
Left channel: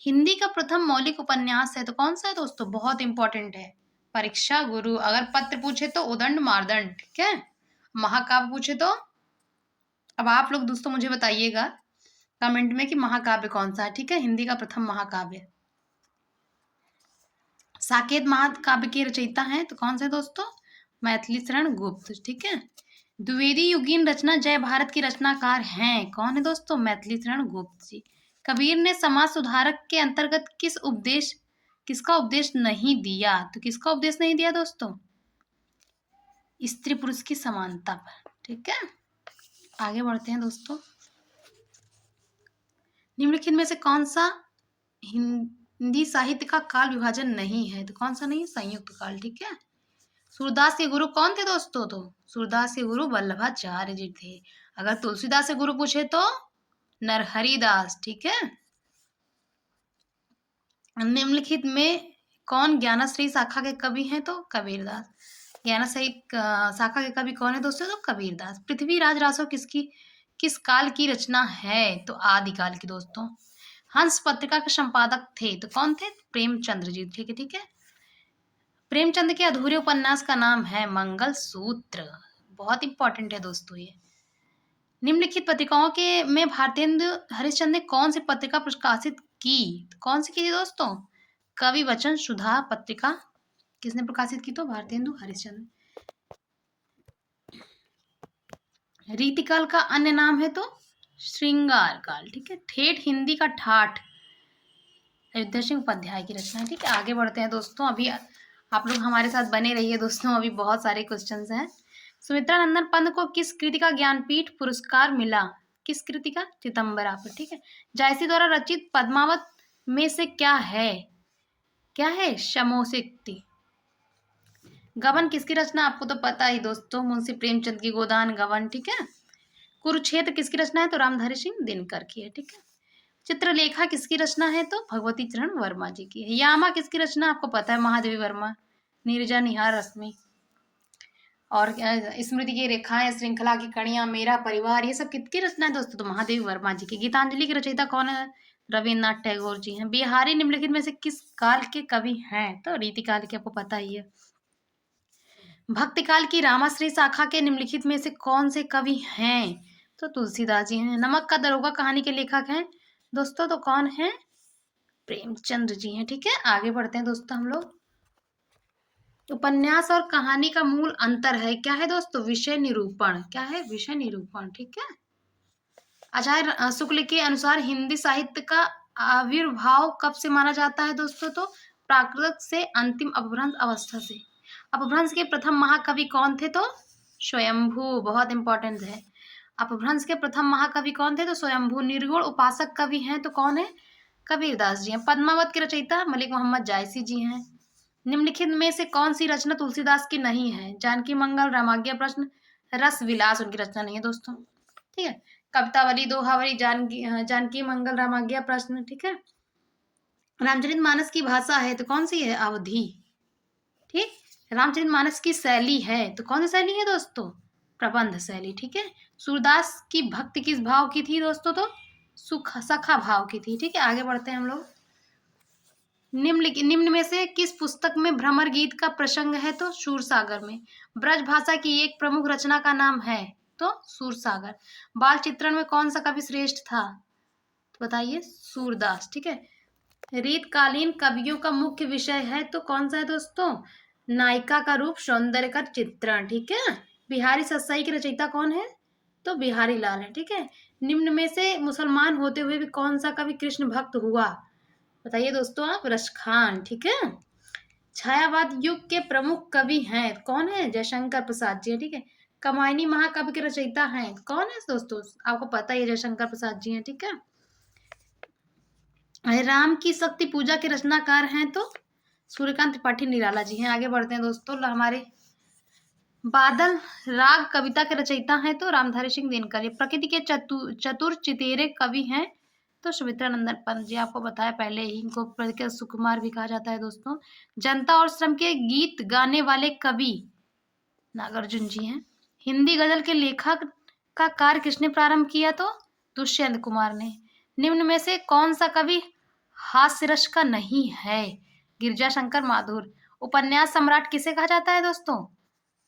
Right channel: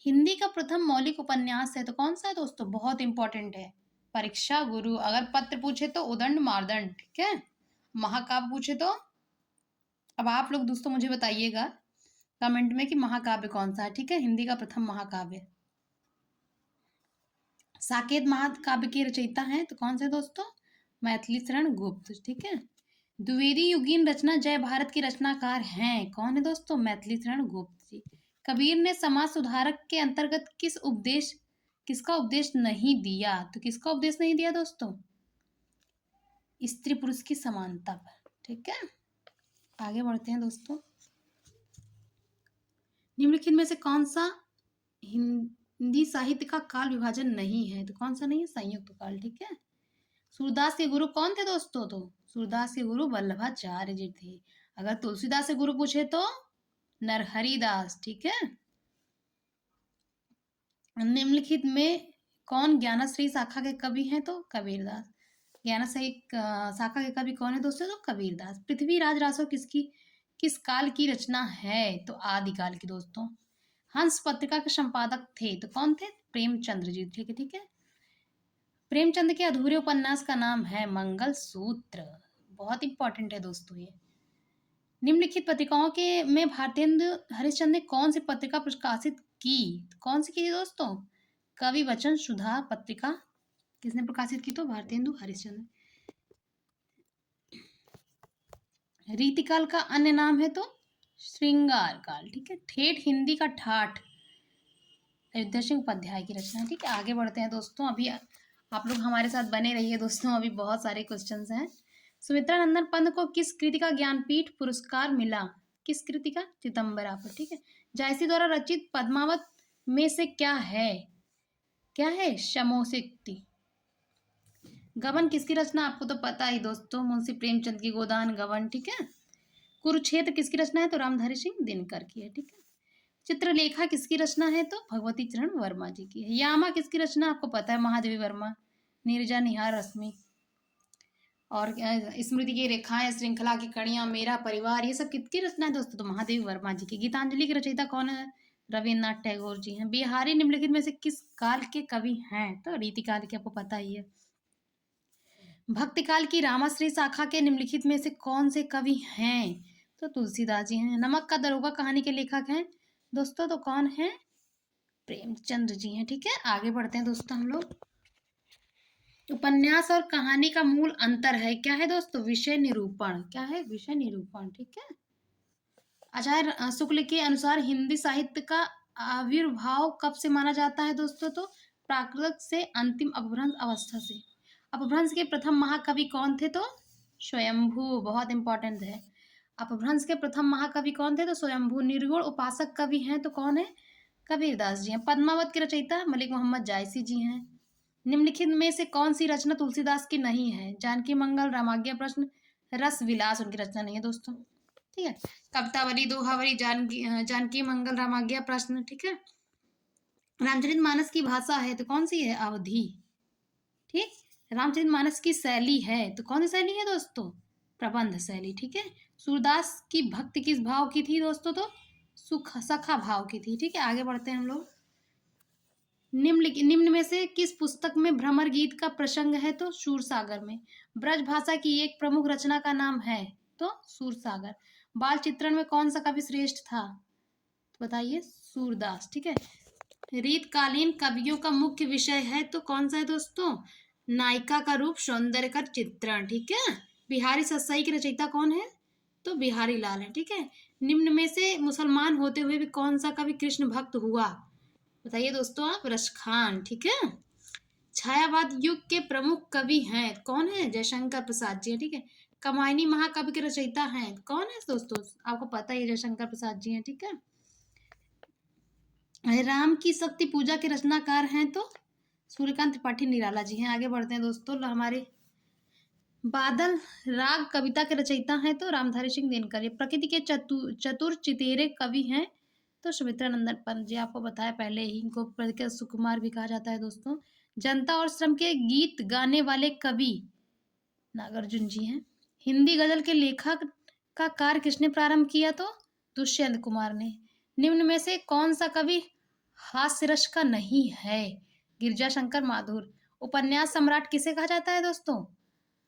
हिंदी का प्रथम मौलिक उपन्यास है, तो कौन सा है दोस्तों? बहुत इंपॉर्टेंट है। परीक्षा गुरु। अगर पत्र पूछे तो उदंड मारदंड, ठीक है। महाकाव्य पूछे तो अब आप लोग दोस्तों मुझे बताइएगा कमेंट में कि महाकाव्य कौन सा है, ठीक है। हिंदी का प्रथम महाकाव्य। साकेत महाकाव्य की रचयिता है, तो कौन से दोस्तों? मैथिली शरण गुप्त, ठीक है। द्विवेदी युगीन रचना जय भारत की रचनाकार हैं, कौन है दोस्तों? मैथिली शरण गुप्त जी। कबीर ने समाज सुधारक के अंतर्गत किसका उपदेश नहीं दिया? तो किसका उपदेश नहीं दिया दोस्तों? स्त्री पुरुष की समानता पर, ठीक है। आगे बढ़ते हैं दोस्तों। निम्नलिखित में से कौन सा हिंदी साहित्य का काल विभाजन नहीं है? तो कौन सा नहीं है? संयुक्त काल, ठीक है। सूरदास के गुरु कौन थे दोस्तों? तो सूरदास के गुरु वल्लभाचार्य जी थे। अगर तुलसीदास से गुरु पूछे तो नरहरिदास, ठीक है। निम्नलिखित में कौन ज्ञानश्री शाखा के कवि हैं? तो कबीरदास। ज्ञान साहित्य शाखा के कवि कौन है दोस्तों? तो कबीरदास। पृथ्वीराज रासो किस काल की रचना है? तो आदिकाल की दोस्तों। हंस पत्रिका के संपादक थे तो कौन थे? प्रेमचंद्र जी। ठीक है, ठीक है। प्रेमचंद के अधूरे उपन्यास का नाम है मंगल सूत्र। बहुत इंपॉर्टेंट है दोस्तों ये। निम्नलिखित पत्रिकाओं के में भारतेंदु हरिश्चंद्र ने कौन सी पत्रिका प्रकाशित की? कौन सी की थी दोस्तों? कवि वचन सुधा पत्रिका किसने प्रकाशित की? तो भारतेंदु हरिश्चंद्र। रीतिकाल का अन्य नाम है तो श्रृंगार काल। ठीक है। ठेठ हिंदी का ठाठ अयोध्या सिंह उपाध्याय की रचना है। ठीक है, आगे बढ़ते हैं दोस्तों। अभी आप लोग हमारे साथ बने रहिए दोस्तों, अभी बहुत सारे क्वेश्चंस हैं। सुमित्रा नंदन पंत को किस कृति का ज्ञानपीठ पुरस्कार मिला? किस कृति का? चिदंबरा पर। ठीक है। जायसी द्वारा रचित पद्मावत में से क्या है? क्या है? शमोशिक्ति। गबन किसकी रचना? आपको तो पता ही दोस्तों, मुंशी प्रेमचंद की गोदान गबन। ठीक है। कुरुक्षेत्र किसकी रचना है? तो रामधारी सिंह दिनकर की है। ठीक है। चित्रलेखा किसकी रचना है? तो भगवती चरण वर्मा जी की है। यामा किसकी रचना? आपको पता है, महादेवी वर्मा। नीरजा निहार रश्मि। और स्मृति की रेखाएं, श्रृंखला की कड़ियां, मेरा परिवार, ये सब किसकी रचना है दोस्तों? तो महादेवी वर्मा जी की। गीतांजलि की रचयिता कौन है? रविन्द्रनाथ टैगोर जी हैं। बिहारी निम्नलिखित में से किस काल के कवि हैं? तो रीतिकाल के, आपको पता ही है। भक्तिकाल की रामाश्री शाखा के निम्नलिखित में से कौन से कवि हैं? तो तुलसीदास जी हैं। नमक का दरोगा कहानी के लेखक हैं दोस्तों, तो कौन है? प्रेमचंद जी हैं। ठीक है, आगे बढ़ते हैं दोस्तों हम लोग। उपन्यास और कहानी का मूल अंतर है, क्या है दोस्तों? विषय निरूपण। क्या है? विषय निरूपण। ठीक है। आचार्य शुक्ल के अनुसार हिंदी साहित्य का आविर्भाव कब से माना जाता है दोस्तों? तो प्राकृत से अंतिम अपभ्रंश अवस्था से। अपभ्रंश के प्रथम महाकवि कौन थे? तो स्वयंभू। बहुत इंपॉर्टेंट है। अपभ्रंश के प्रथम महाकवि कौन थे? तो स्वयंभू। निर्गुण उपासक कवि हैं तो कौन है? कबीरदास जी हैं। पद्मावत के रचयिता मलिक मोहम्मद जायसी जी हैं। निम्नलिखित में से कौन सी रचना तुलसीदास की नहीं है? जानकी मंगल, रामाज्ञा प्रश्न, रस विलास उनकी रचना नहीं है दोस्तों। ठीक है। कवितावली, दोहावली, जानकी मंगल, रामाज्ञा प्रश्न। ठीक है। रामचरितमानस की भाषा है तो कौन सी है? अवधी। ठीक। रामचरितमानस की शैली है तो कौन सी शैली है दोस्तों? प्रबंध शैली। ठीक है। सूरदास की भक्ति किस भाव की थी दोस्तों? तो सुख सखा भाव की थी। ठीक है, आगे बढ़ते हैं हम लोग। निम्न में से किस पुस्तक में भ्रमर गीत का प्रसंग है? तो सूरसागर में। ब्रज भाषा की एक प्रमुख रचना का नाम है? तो सूरसागर। बाल चित्रण में कौन सा कवि श्रेष्ठ था? तो बताइए, सूरदास। ठीक है। रीतकालीन कवियों का मुख्य विषय है तो कौन सा है दोस्तों? नायिका का रूप, सौंदर्य का चित्रण। ठीक है। बिहारी सत्साई की रचयिता कौन है? तो बिहारी लाल है। ठीक है। निम्न में से मुसलमान होते हुए भी कौन सा कवि कृष्ण भक्त हुआ? बताइए दोस्तों आप। रसखान। ठीक है। छायावाद युग के प्रमुख कवि हैं कौन है? जयशंकर प्रसाद जी। ठीक है। कमायनी महाकाव्य के रचयिता हैं कौन है दोस्तों? आपको पता ही है, जयशंकर प्रसाद जी हैं। ठीक है। राम की शक्ति पूजा के रचनाकार हैं तो सूर्यकांत त्रिपाठी निराला जी हैं। आगे बढ़ते हैं दोस्तों। हमारे बादल राग कविता के रचयिता हैं तो रामधारी सिंह दिनकर। प्रकृति के चतुर चितेरे कवि हैं तो सुमित्रा नंदन पंत जी। आपको बताया पहले ही, इनको प्रकृति सुकुमार भी कहा जाता है दोस्तों। जनता और श्रम के गीत गाने वाले कवि नागार्जुन जी हैं। हिंदी गजल के लेखक का कार्य किसने प्रारंभ किया? तो दुष्यंत कुमार ने। निम्न में से कौन सा कवि हास्य रस का नहीं है? गिरजा शंकर माथुर। उपन्यास सम्राट किसे कहा जाता है दोस्तों?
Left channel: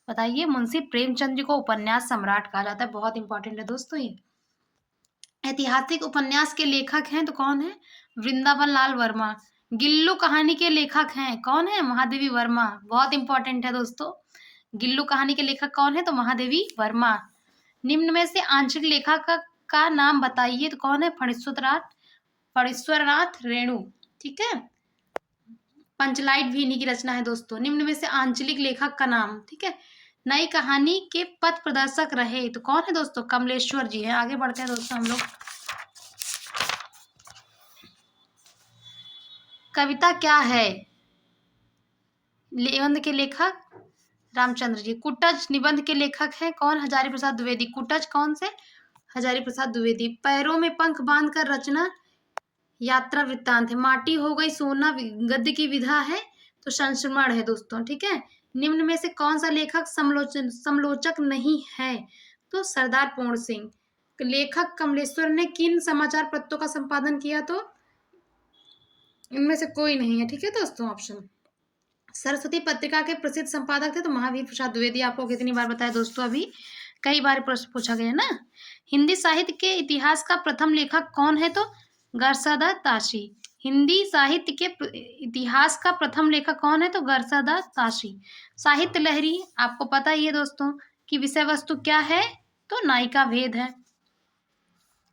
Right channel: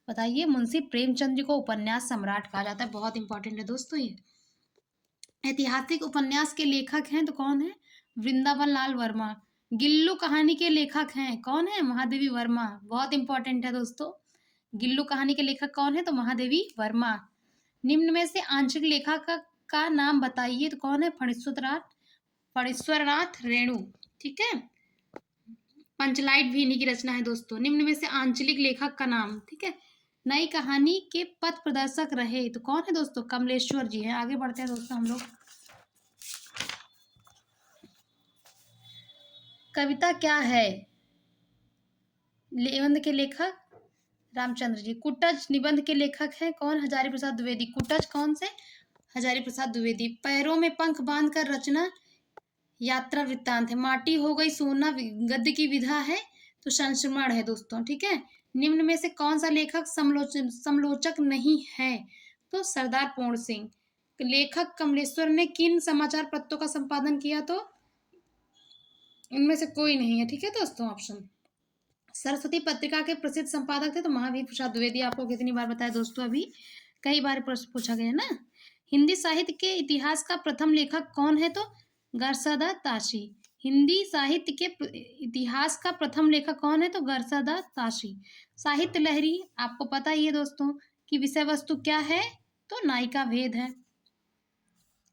बताइए। मुंशी प्रेमचंद जी को उपन्यास सम्राट कहा जाता है। बहुत इंपॉर्टेंट है दोस्तों ये। ऐतिहासिक उपन्यास के लेखक हैं तो कौन है? वृंदावन लाल वर्मा। गिल्लू कहानी के लेखक हैं कौन है? महादेवी वर्मा। बहुत इंपॉर्टेंट है दोस्तों। गिल्लू कहानी के लेखक कौन है? तो महादेवी वर्मा। निम्न में से आंशिक लेखक का नाम बताइए तो कौन है? फणीश्वरनाथ रेणु। ठीक है। पंचलाइट भी इन्हीं की रचना है दोस्तों। निम्न में से आंचलिक लेखक का नाम। ठीक है। नई कहानी के पथ प्रदर्शक रहे तो कौन है दोस्तों? कमलेश्वर जी हैं। आगे बढ़ते हैं दोस्तों हम लोग। कविता क्या है? निबंध के लेखक रामचंद्र जी। कुटज निबंध के लेखक हैं कौन? हजारी प्रसाद द्विवेदी। कुटज कौन से? हजारी प्रसाद द्विवेदी। पैरों में पंख बांधकर रचना यात्रा वृत्तांत है। माटी हो गई सोना गद्य की विधा है तो संस्मरण है दोस्तों। ठीक है। निम्न में से कौन सा लेखक समलोचक नहीं है? तो सरदार पूर्ण सिंह। लेखक कमलेश्वर ने किन समाचार पत्रों का संपादन किया? तो इनमें से कोई नहीं है। ठीक है दोस्तों, ऑप्शन। सरस्वती पत्रिका के प्रसिद्ध संपादक थे तो महावीर प्रसाद द्विवेदी। आपको कितनी बार बताया दोस्तों, अभी कई बार प्रश्न पूछा गया ना। हिंदी साहित्य के इतिहास का प्रथम लेखक कौन है? तो गरसदा ताशी। हिंदी साहित्य के इतिहास का प्रथम लेखक कौन है? तो गरसदा ताशी। साहित्य लहरी, आपको पता ही है दोस्तों कि विषय वस्तु क्या है? तो नायिका भेद है।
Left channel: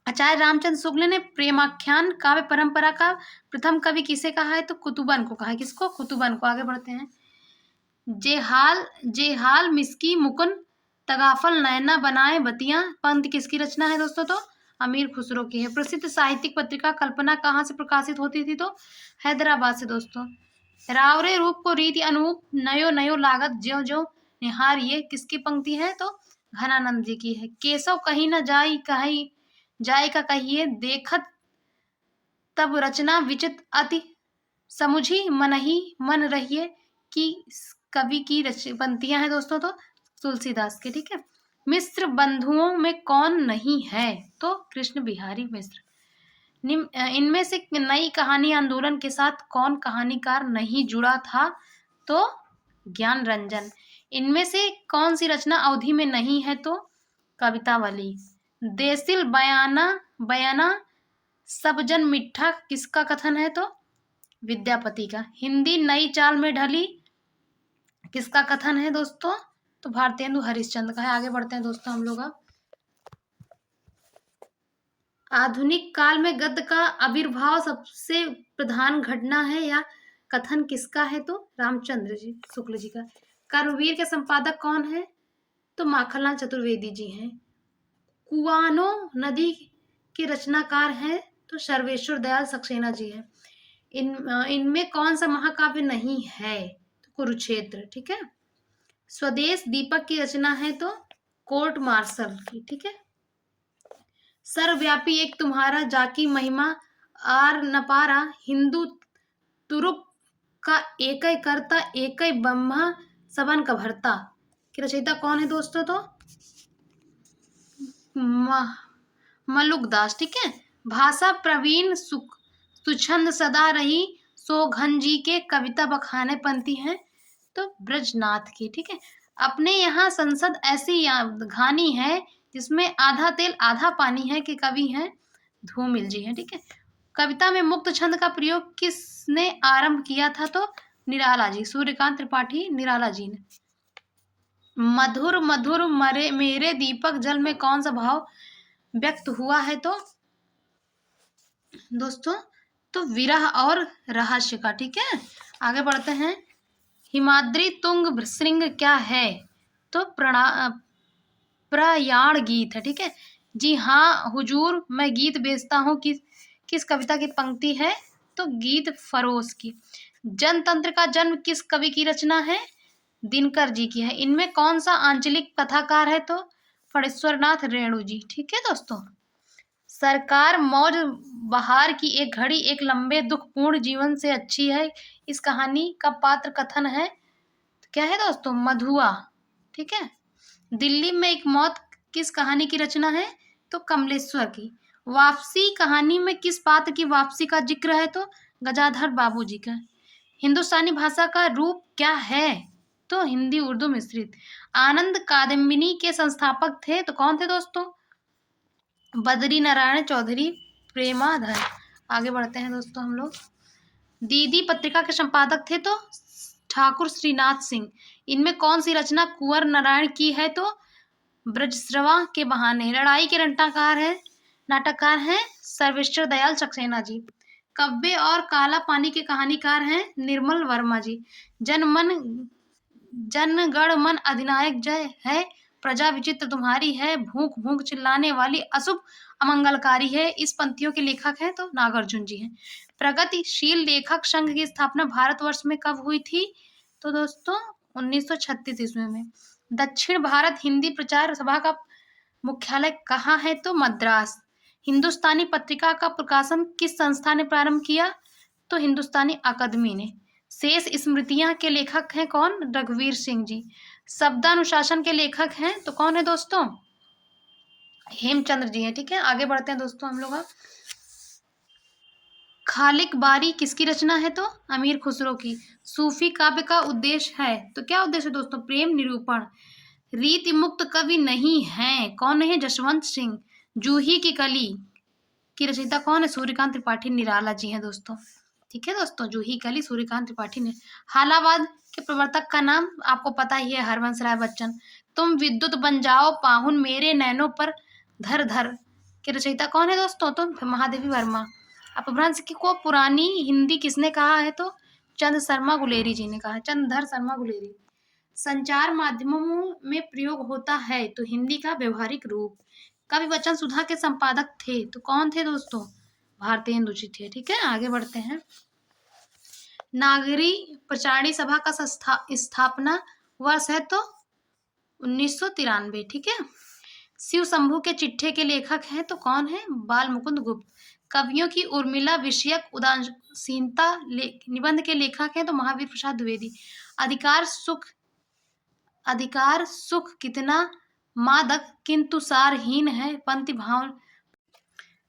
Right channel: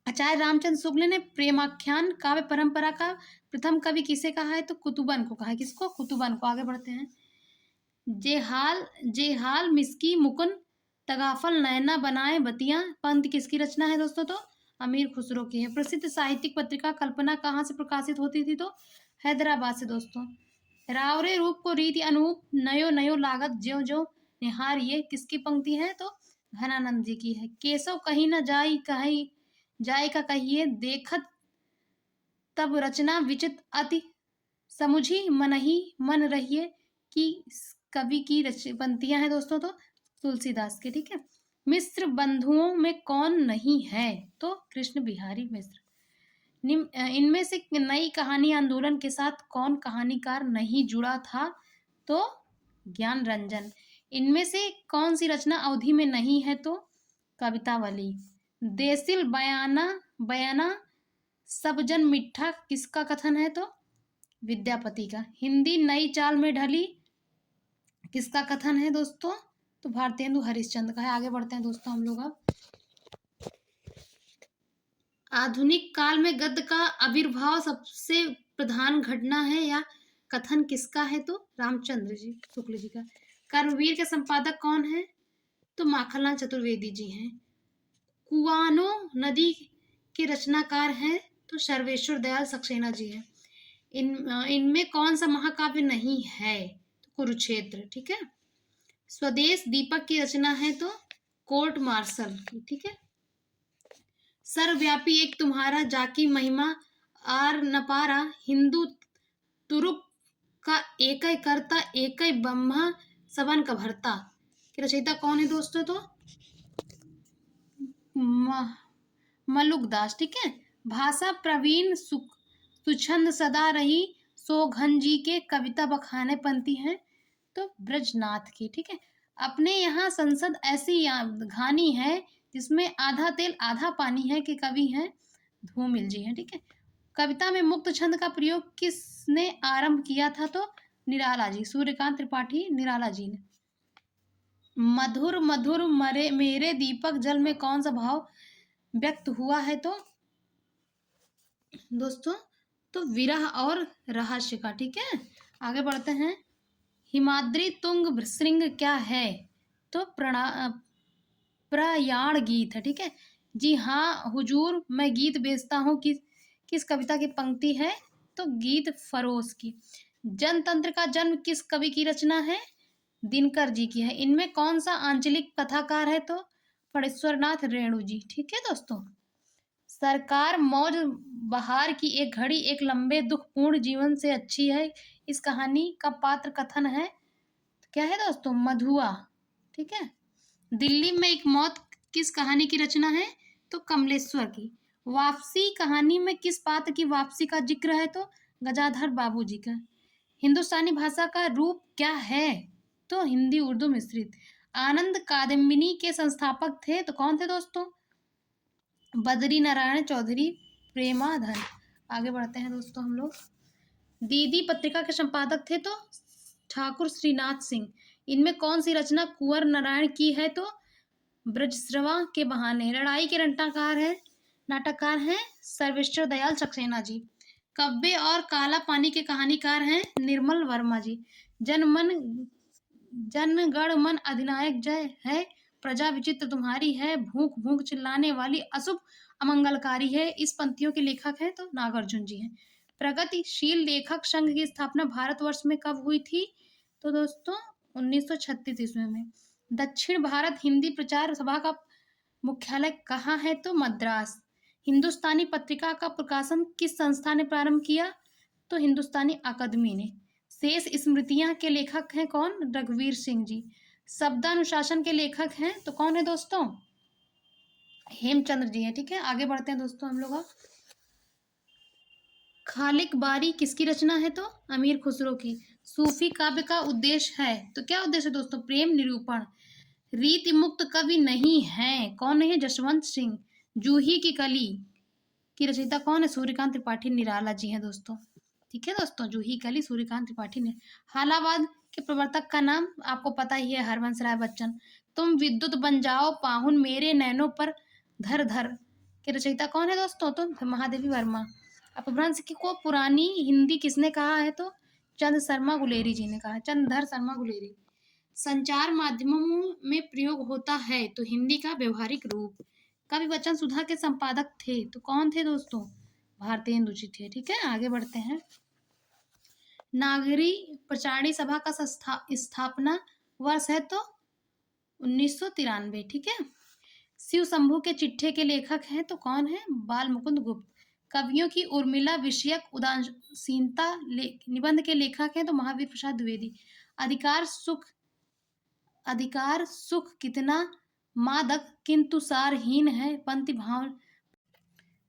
आचार्य रामचंद्र शुक्ल ने प्रेमाख्यान काव्य परंपरा का प्रथम कवि किसे कहा है? तो कुतुबन को कहा है। किसको? कुतुबन को। आगे बढ़ते हैं। जेहाल जेहाल मिस्की मुकुन तगाफल नैना बनाए बतियां पंत किसकी रचना है दोस्तों? तो अमीर खुसरो की है। प्रसिद्ध साहित्यिक पत्रिका कल्पना कहाँ से प्रकाशित होती थी? तो हैदराबाद से दोस्तों। रावरे रूप को रीति अनुरूप नयो नयो लागत ज्यो ज्यो निहार, ये किसकी पंक्ति है? तो घनानंद जी की है। केशव कहीं न जाई कहीं जाय का कहिए देखत तब रचना विचित अति समुझी मनहि मन रहिए कि कवि की पंक्तियां हैं दोस्तों। तो तुलसीदास के। ठीक है। मिश्र बंधुओं में कौन नहीं है? तो कृष्ण बिहारी मिश्र। इनमें से नई कहानी आंदोलन के साथ कौन कहानीकार नहीं जुड़ा था? तो ज्ञान रंजन। इनमें से कौन सी रचना अवधि में नहीं है? तो कवितावली। देसिल बयाना बयाना सब जन मिठा किसका कथन है? तो विद्यापति का। हिंदी नई चाल में ढली किसका कथन है दोस्तों? तो भारतेंदु हरिश्चंद्र का है। आगे बढ़ते हैं दोस्तों हम लोग। आधुनिक काल में गद्य का आविर्भाव सबसे प्रधान घटना है या कथन किसका है? तो रामचंद्र जी शुक्ल जी का। कर्मवीर के संपादक कौन है? तो माखनलाल चतुर्वेदी जी हैं। कुआनो नदी के रचनाकार हैं? तो सर्वेश्वर दयाल सक्सेना जी हैं। इनमें कौन सा महाकाव्य नहीं है? तो कुरुक्षेत्र। ठीक है। स्वदेश दीपक की रचना है? तो कोर्ट मार्शल की। ठीक है। सर्वव्यापी एक तुम्हारा जाकी महिमा आर न पारा, हिंदू तुरुप का एक करता एक ब्रह्मा सबन का भरता की रचयिता कौन है दोस्तों? तो मलुकदास। ठीक है। भाषा प्रवीण सुछंद सदा रही सोघन जी के कविता बखाने पंथी हैं? तो ब्रजनाथ की। ठीक है। अपने यहाँ संसद ऐसी घानी है जिसमें आधा तेल आधा पानी है कि कवि हैं? धूमिल जी हैं। ठीक है। कविता में मुक्त छंद का प्रयोग किसने आरंभ किया था? तो निराला जी, सूर्यकांत त्रिपाठी निराला जी ने। मधुर मधुर मरे मेरे दीपक जल में कौन सा भाव व्यक्त हुआ है? तो दोस्तों तो विरह और रहस्य का। ठीक है। आगे बढ़ते हैं। हिमाद्री तुंग श्रृंग क्या है? तो प्रयाण गीत है। ठीक है। जी हाँ हुजूर, मैं गीत बेचता हूँ किस कविता की पंक्ति है? तो गीत फरोश की। जनतंत्र का जन्म किस कवि की रचना है? दिनकर जी की है। इनमें कौन सा आंचलिक कथाकार है? तो फणेश्वरनाथ रेणु जी। ठीक है दोस्तों। सरकार मौज बहार की एक घड़ी एक लंबे दुखपूर्ण जीवन से अच्छी है, इस कहानी का पात्र कथन है? क्या है दोस्तों? मधुआ। ठीक है। दिल्ली में एक मौत किस कहानी की रचना है? तो कमलेश्वर की। वापसी कहानी में किस पात्र की वापसी का जिक्र है? तो गजाधर बाबू जी का। हिंदुस्तानी भाषा का रूप क्या है? तो हिंदी उर्दू मिश्रित। आनंद कादम्बिनी के संस्थापक थे तो कौन थे दोस्तों? बद्री नारायण चौधरी प्रेमाधर। आगे बढ़ते हैं दोस्तों हम लोग। दीदी पत्रिका के संपादक थे तो ठाकुर श्रीनाथ सिंह। इनमें कौन सी रचना कुंवर नारायण की है? तो ब्रजस्रवा के बहाने। लड़ाई के नाटककार हैं सर्वेश्वर दयाल सक्सेना जी। कव्य और काला पानी के कहानीकार हैं निर्मल वर्मा जी। जनगण मन अधिनायक जय है, प्रजा विचित्र तुम्हारी है, भूख भूख चिल्लाने वाली अशुभ अमंगलकारी है, इस पंक्तियों के लेखक हैं? तो नागार्जुन जी हैं। प्रगतिशील लेखक संघ की स्थापना भारतवर्ष में कब हुई थी? तो दोस्तों 1936 ईस्वी में। दक्षिण भारत हिंदी प्रचार सभा का मुख्यालय कहाँ है? तो मद्रास। हिंदुस्तानी पत्रिका का प्रकाशन किस संस्था ने प्रारंभ किया? तो हिंदुस्तानी अकादमी ने। शेष स्मृतियां के लेखक हैं कौन? रघुवीर सिंह जी। शब्दानुशासन के लेखक हैं तो कौन है दोस्तों? हेमचंद्र जी हैं। ठीक है, आगे बढ़ते हैं दोस्तों हम लोग। खालिक बारी किसकी रचना है? तो अमीर खुसरो की। सूफी काव्य का उद्देश्य है तो क्या उद्देश्य है दोस्तों? प्रेम निरूपण। रीति मुक्त कवि नहीं है, कौन नहीं है? जसवंत सिंह। जूही की कली की रचयिता कौन है? सूर्यकांत त्रिपाठी निराला जी हैं दोस्तों। ठीक है दोस्तों, जूही कली सूर्यकांत त्रिपाठी ने। हालावाद के प्रवर्तक का नाम आपको पता ही है, हरवंश राय बच्चन। तुम विद्युत बन जाओ पाहुन मेरे नैनों पर धर धर के रचयिता कौन है दोस्तों? तो महादेवी वर्मा। अपभ्रंश की को पुरानी हिंदी किसने कहा है? तो चंद शर्मा गुलेरी जी ने कहा है, चंद्रधर शर्मा गुलेरी। संचार माध्यमों में प्रयोग होता है तो हिंदी का व्यवहारिक रूप। कवि वचन सुधा के संपादक थे तो कौन थे दोस्तों? भारतेंदु जी थे। ठीक है, आगे बढ़ते हैं। नागरी प्रचारणी सभा का स्थापना वर्ष है तो 1993। ठीक है। शिव शंभू के चिट्ठे के लेखक हैं तो कौन है? बाल मुकुंद गुप्त। कवियों की उर्मिला विषयक उदासीनता निबंध के लेखक हैं तो महावीर प्रसाद द्विवेदी। अधिकार सुख कितना मादक किंतु सारहीन है, पंक्ति भाव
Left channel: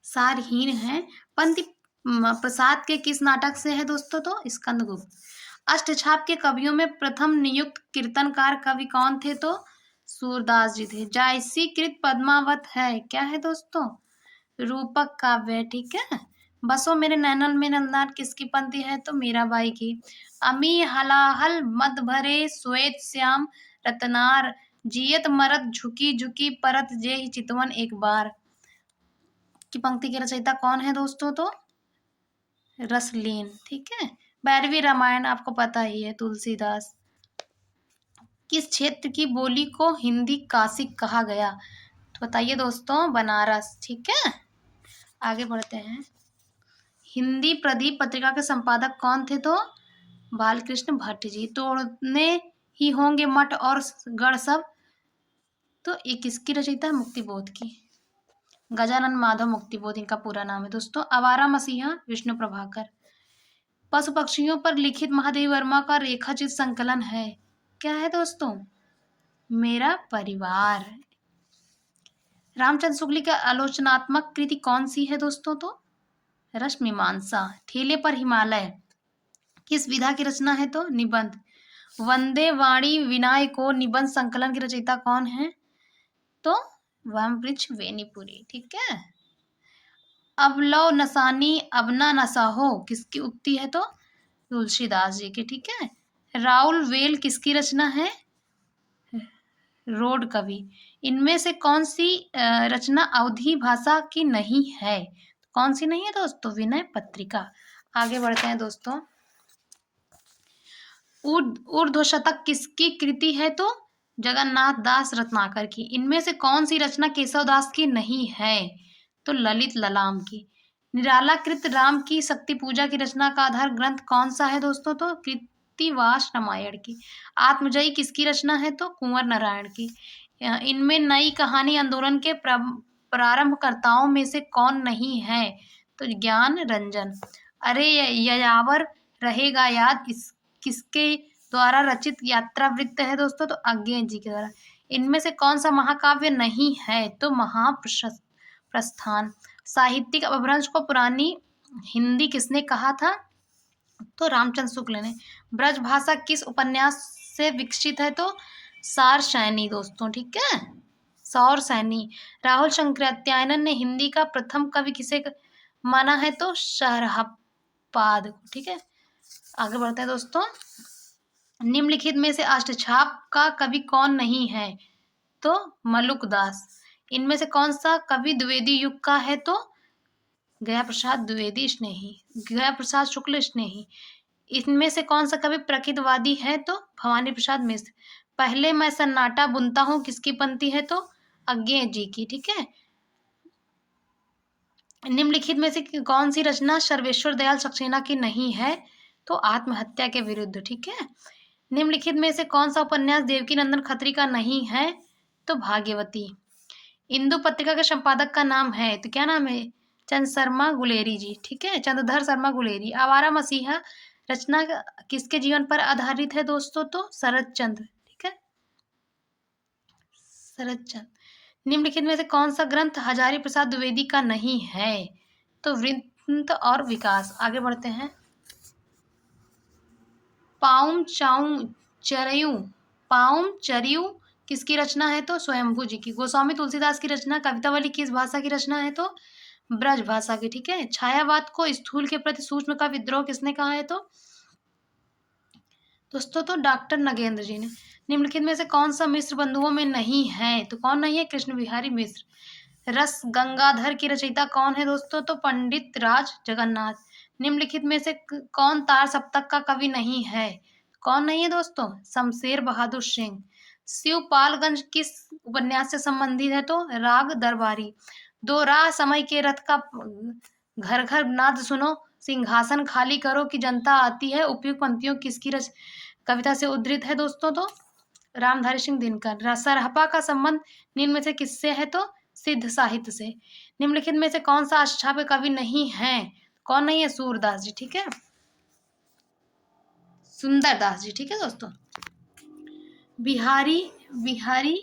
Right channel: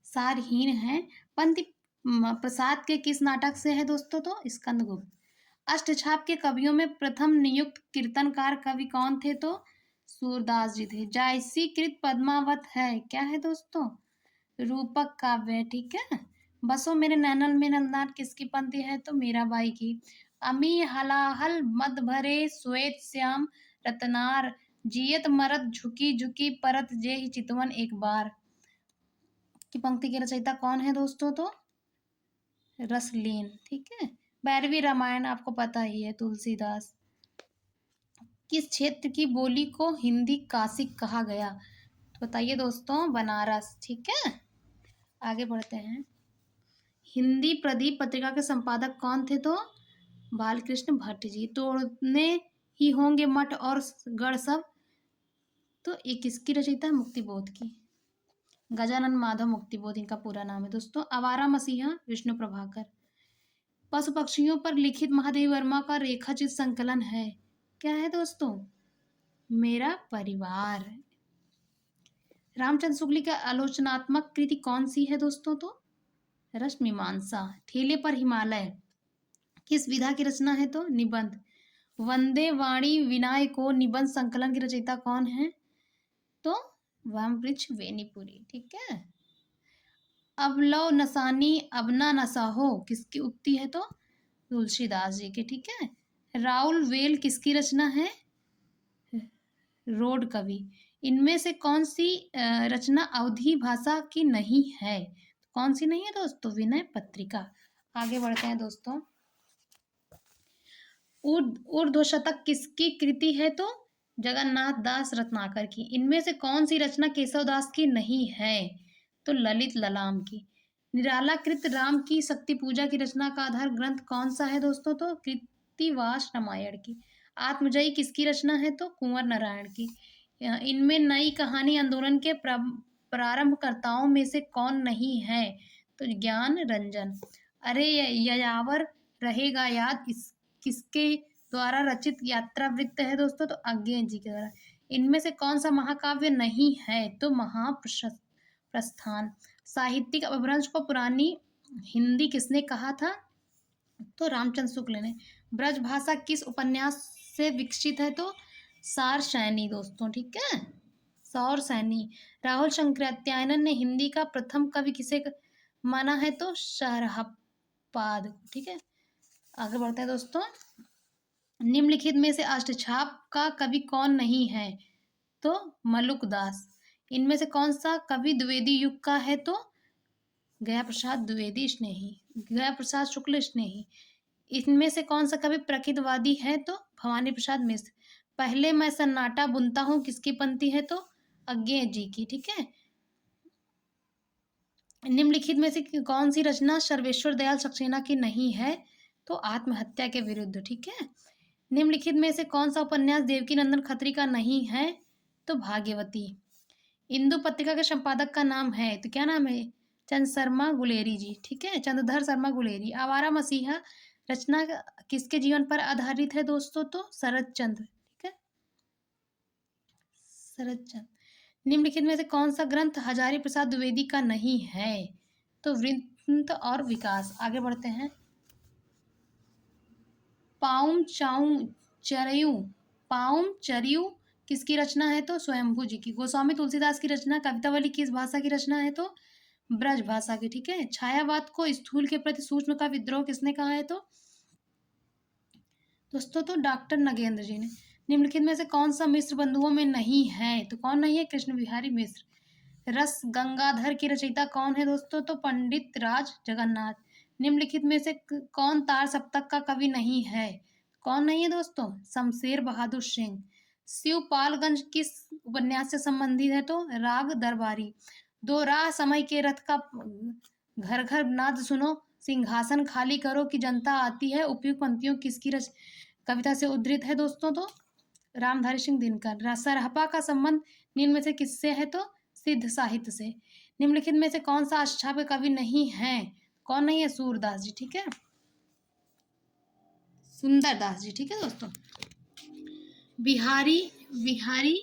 सारहीन है। पंक्ति प्रसाद के किस नाटक से है दोस्तों? तो स्कंदगुप्त। अष्टछाप के कवियों में प्रथम नियुक्त कीर्तनकार कवि कौन थे? तो सूरदास जी थे। जायसी कृत पद्मावत है, क्या है दोस्तों? रूपक काव्य। ठीक है। बसो मेरे नैनल में नंदनार किसकी पंक्ति है? तो मीराबाई की। अमी हलाहल मद भरे श्वेत श्याम रतनार, जियत मरत झुकी झुकी परत जे चितवन एक बार की पंक्ति की रचयिता कौन है दोस्तों? तो रसलीन। ठीक है। 12वीं रामायण आपको पता ही है, तुलसीदास। किस क्षेत्र की बोली को हिंदी काशिक कहा गया? तो बताइए दोस्तों, बनारस। ठीक है, आगे बढ़ते हैं। हिंदी प्रदीप पत्रिका के संपादक कौन थे? तो बालकृष्ण भट्ट जी। तोड़ने ही होंगे मठ और गढ़ सब, तो ये किसकी रचयिता? मुक्तिबोध की। गजानन माधव मुक्तिबोध इनका पूरा नाम है दोस्तों। आवारा मसीहा विष्णु प्रभाकर। पशु पक्षियों पर लिखित महादेवी वर्मा का रेखाचित संकलन है, क्या है दोस्तों? मेरा परिवार। रामचंद्र शुक्ल की आलोचनात्मक कृति कौन सी है दोस्तों? तो रश्मिमांसा। ठेले पर हिमालय किस विधा की रचना है? तो निबंध। वंदे वाणी विनाय को निबंध संकलन की रचयिता कौन है? तो वृक्ष वेनीपुरी। ठीक है। अब लो नसानी अब ना नसा हो किसकी उक्ति है? तो तुलसीदास जी की। ठीक है। राउल वेल किसकी रचना है? रोड कवि। इनमें से कौन सी रचना अवधी भाषा की नहीं है? कौन सी नहीं है दोस्तों? विनय पत्रिका। आगे बढ़ते हैं दोस्तों। ऊर्ध्व शतक किसकी कृति है? तो जगन्नाथ दास रत्नाकर की। इनमें से कौन सी रचना केशव दास की नहीं है? तो ललित ललाम की। निराला कृत राम की शक्ति पूजा की रचना का आधार ग्रंथ कौन सा है दोस्तों? तो कृत्तिवास रामायण की। आत्मजयी किसकी रचना है? तो कुंवर नारायण की। इनमें नई कहानी आंदोलन के प्रारंभकर्ताओं में से कौन नहीं है? तो ज्ञान रंजन। अरे यायावर रहेगा याद किसके द्वारा रचित यात्रा वृत्त है दोस्तों? तो अज्ञे जी के द्वारा। इनमें से कौन सा महाकाव्य नहीं है? तो महाप्रस्थान। साहित्यिक अपभ्रंश को पुरानी हिंदी किसने कहा था? तो रामचंद्र शुक्ल ने। ब्रज भाषा किस उपन्यास से विकसित है? तो सार सैनी दोस्तों। ठीक है, सौर सैनी। राहुल शंकराचार्य ने हिंदी का प्रथम कवि किसे माना है? तो शरहपाद। ठीक है, आगे बढ़ते हैं दोस्तों। निम्नलिखित में से अष्टछाप का कवि कौन नहीं है? तो मलुकदास। इनमें से कौन सा कवि द्विवेदी युग का है? तो गया प्रसाद द्विवेदी स्नेही, गया प्रसाद शुक्ल स्नेही। इनमें से कौन सा कवि प्रकृतवादी है? तो भवानी प्रसाद मिश्र। पहले मैं सन्नाटा बुनता हूँ किसकी पंक्ति है? तो अज्ञे जी की। ठीक है। निम्नलिखित में से कौन सी रचना सर्वेश्वर दयाल सक्सेना की नहीं है? तो आत्महत्या के विरुद्ध। ठीक है। निम्नलिखित में से कौन सा उपन्यास देवकी नंदन खत्री का नहीं है? तो भाग्यवती। इंदु पत्रिका के संपादक का नाम है, तो क्या नाम है? चंद शर्मा गुलेरी जी। ठीक है, चंद्रधर शर्मा गुलेरी। आवारा मसीहा रचना किसके जीवन पर आधारित है दोस्तों? तो शरद चंद्र, ठीक है, शरद चंद्र। निम्नलिखित में से कौन सा ग्रंथ हजारी प्रसाद द्विवेदी का नहीं है? तो वृत्त और विकास। आगे बढ़ते हैं। पाउम चाउ चरयू, पाउम चरियू किसकी रचना है? तो स्वयंभू जी की। गोस्वामी तुलसीदास की रचना। कवितावली किस भाषा की रचना है? तो ब्रज भाषा की, ठीक है। छायावाद को स्थूल के प्रति सूक्ष्म का विद्रोह किसने कहा है? तो दोस्तों तो डॉक्टर नगेंद्र जी ने। निम्नलिखित में से कौन सा मिश्र बंधुओं में नहीं है? तो कौन नहीं है? कृष्ण बिहारी मिश्र। रस गंगाधर की रचयिता कौन है दोस्तों? तो पंडित राज जगन्नाथ। निम्नलिखित में से कौन तार सप्तक का कवि नहीं है? कौन नहीं है दोस्तों? शमशेर बहादुर सिंह। शिवपालगंज किस उपन्यास से संबंधित है? तो राग दरबारी। दो राह समय के रथ का घर घर नाद सुनो, सिंहासन खाली करो कि जनता आती है, उपयुक्त पंक्तियों किसकी कविता से उद्धृत है दोस्तों? तो रामधारी सिंह दिनकर। सरहपा का संबंध निम्न में से किससे है? तो सिद्ध साहित्य से। निम्नलिखित में से कौन सा अष्टाध्यायी कवि नहीं है? कौन नहीं है? सूरदास जी, ठीक है, सुंदरदास जी, ठीक है दोस्तों। बिहारी बिहारी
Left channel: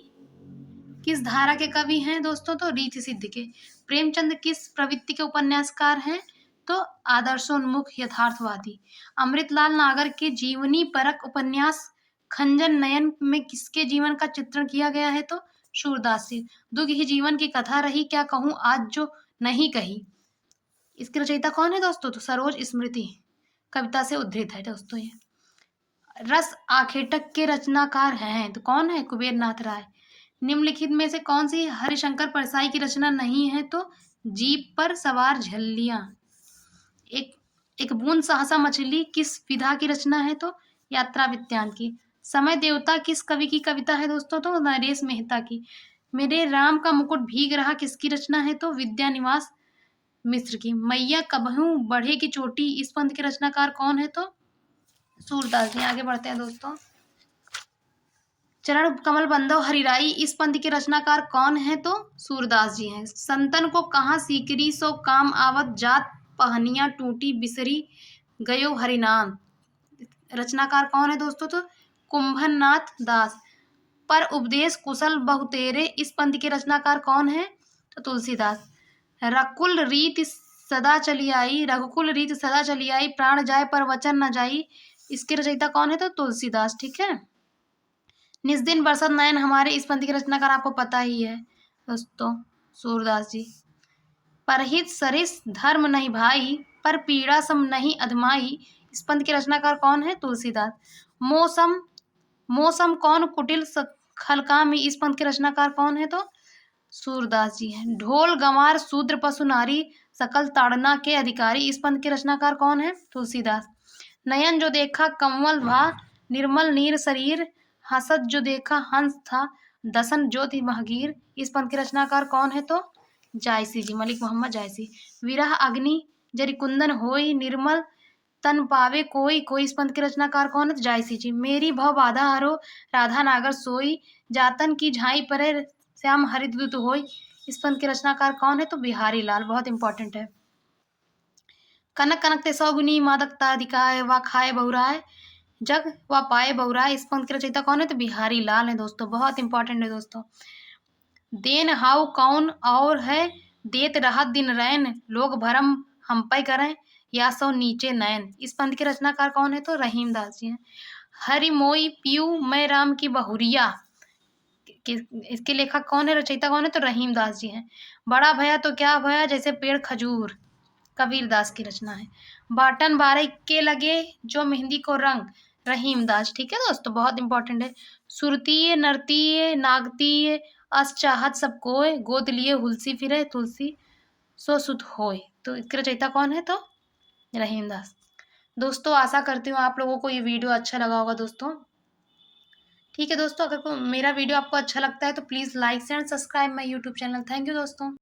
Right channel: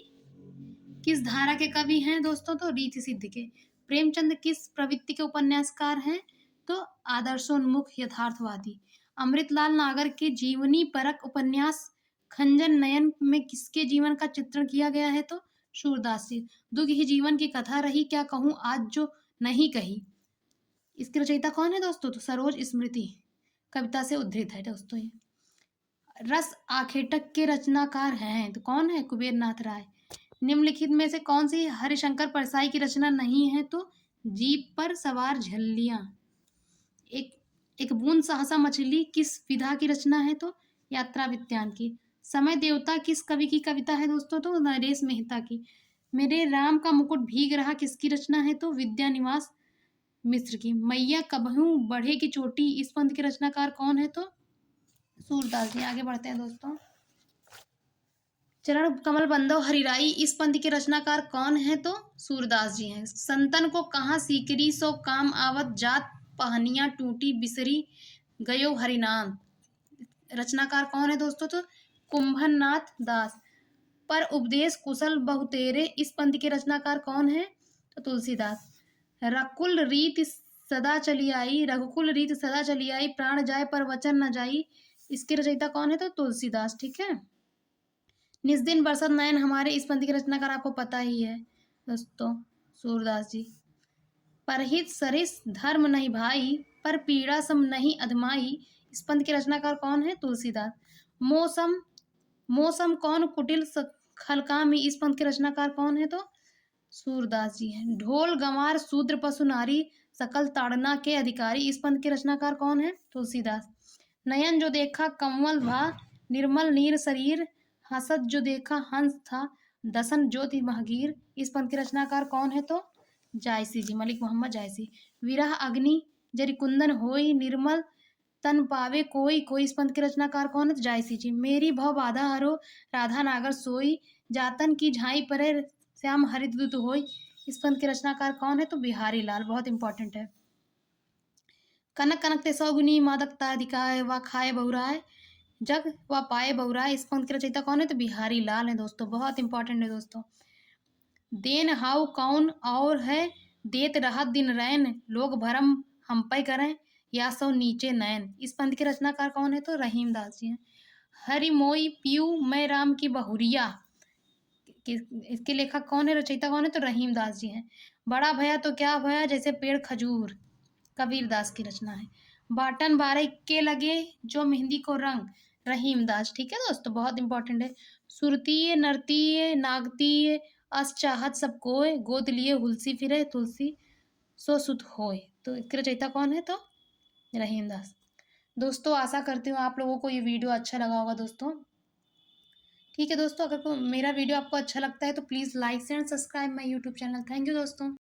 किस धारा के कवि हैं दोस्तों? तो रीति सिद्ध के। प्रेमचंद किस प्रवृत्ति के उपन्यासकार हैं? तो आदर्शोन्मुख यथार्थवादी। अमृतलाल नागर के जीवनी परक उपन्यास खंजन नयन में किसके जीवन का चित्रण किया गया है? तो सूरदास जी। दुख ही जीवन की कथा रही, क्या कहूँ आज जो नहीं कही, इसकी रचयिता कौन है दोस्तों? तो सरोज स्मृति कविता से उद्धृत है दोस्तों ये। रस आखेटक के रचनाकार हैं तो कौन है? कुबेर नाथ राय। निम्नलिखित में से कौन सी हरिशंकर परसाई की रचना नहीं है? तो जीप पर सवार झल्लियां। एक एक बूंद सहसा मछली किस विधा की रचना है? तो यात्रा वित्तान की। समय देवता किस कवि की कविता है दोस्तों? तो नरेश मेहता की। मेरे राम का मुकुट भीग रहा किसकी रचना है? तो विद्यानिवास मिश्र की। मैया कबहू बढ़े की चोटी इस पंथ के रचनाकार कौन है? तो सूरदास जी। आगे बढ़ते हैं दोस्तों। चरण कमल बंधव हरिराई इस पंथ के रचनाकार कौन है? तो सूरदास जी हैं। संतन को कहाँ सीकरी सो काम आवत, जात पहनिया टूटी बिसरी गयो हरिनाम, रचनाकार कौन है दोस्तों? तो कुंभननाथ दास। पर उपदेश कुशल बहुतेरे इस पंथ के रचनाकार कौन है? तो तुलसीदास। रकुल रीत सदा चली आई, रघुकुल रीत सदा चली आई, प्राण जाए पर वचन न जाई, इसके रचयिता कौन है? तो तुलसीदास, ठीक है। निज दिन बरसत नयन हमारे इस पंक्ति की रचनाकार आपको पता ही है दोस्तों, सूरदास जी। परहित सरिस धर्म नहीं भाई, पर पीड़ा सम नहीं अधमाई, इस पंक्ति के रचनाकार कौन है? तुलसीदास। मौसम मौसम कौन कुटिल खलकामी, इस पंक्ति के रचनाकार कौन है? तो सूरदास जी हैं। ढोल गंवार शूद्र पशु नारी, सकल ताड़ना के अधिकारी, इस पंक्ति के रचनाकार कौन है? तुलसीदास। नयन जो देखा कमल भा, निर्मल नीर शरीर, हसत जो देखा हंस था, दसन ज्योति महगीर, इस पंथ के रचनाकार कौन है? तो जायसी जी, मलिक मोहम्मद जायसी। विरह अग्नि जरि कुंदन होई, निर्मल तन पावे कोई, कोई इस पंथ के रचनाकार कौन है? तो जायसी जी। मेरी भव बाधा हरो, राधा नागर सोई, जातन की झाई परे श्याम हरिद्युत होई, इस पंथ के रचनाकार कौन है? तो बिहारी लाल, बहुत इंपॉर्टेंट है। कनक कनक ते सौगुनी मादकता दिखाए व खाए बहुराए, जग व पाए बहुराए, इस पंक्ति की रचयिता कौन है? तो बिहारी लाल है दोस्तों, बहुत इंपॉर्टेंट है दोस्तों। देन हाउ कौन और है, देत राहत दिन रैन, लोग भरम हम पे करें, या सो नीचे नयन, इस पंक्ति के रचनाकार कौन है? तो रहीमदास जी हैं। हरि मोई पीयू मैं राम की बहुरिया, इसके लेखक कौन है? रचयिता कौन है? तो रहीमदास जी हैं। बड़ा भया तो क्या भया जैसे पेड़ खजूर, कबीरदास की रचना है। बाटन बारे के लगे जो मेहंदी को रंग, रहीमदास, ठीक है दोस्तों, बहुत इंपॉर्टेंट है। सुरतीय नरतीय नागतीय अस चाहत सब कोय, गोद लिए हुलसी फिरे तुलसी सो सुत होय, तो इसके रचयिता कौन है? तो रहीमदास। दोस्तों आशा करती हूँ आप लोगों को ये वीडियो अच्छा लगा होगा दोस्तों, ठीक है दोस्तों। अगर मेरा वीडियो आपको अच्छा लगता है तो please like and subscribe my YouTube channel. Thank you दोस्तों।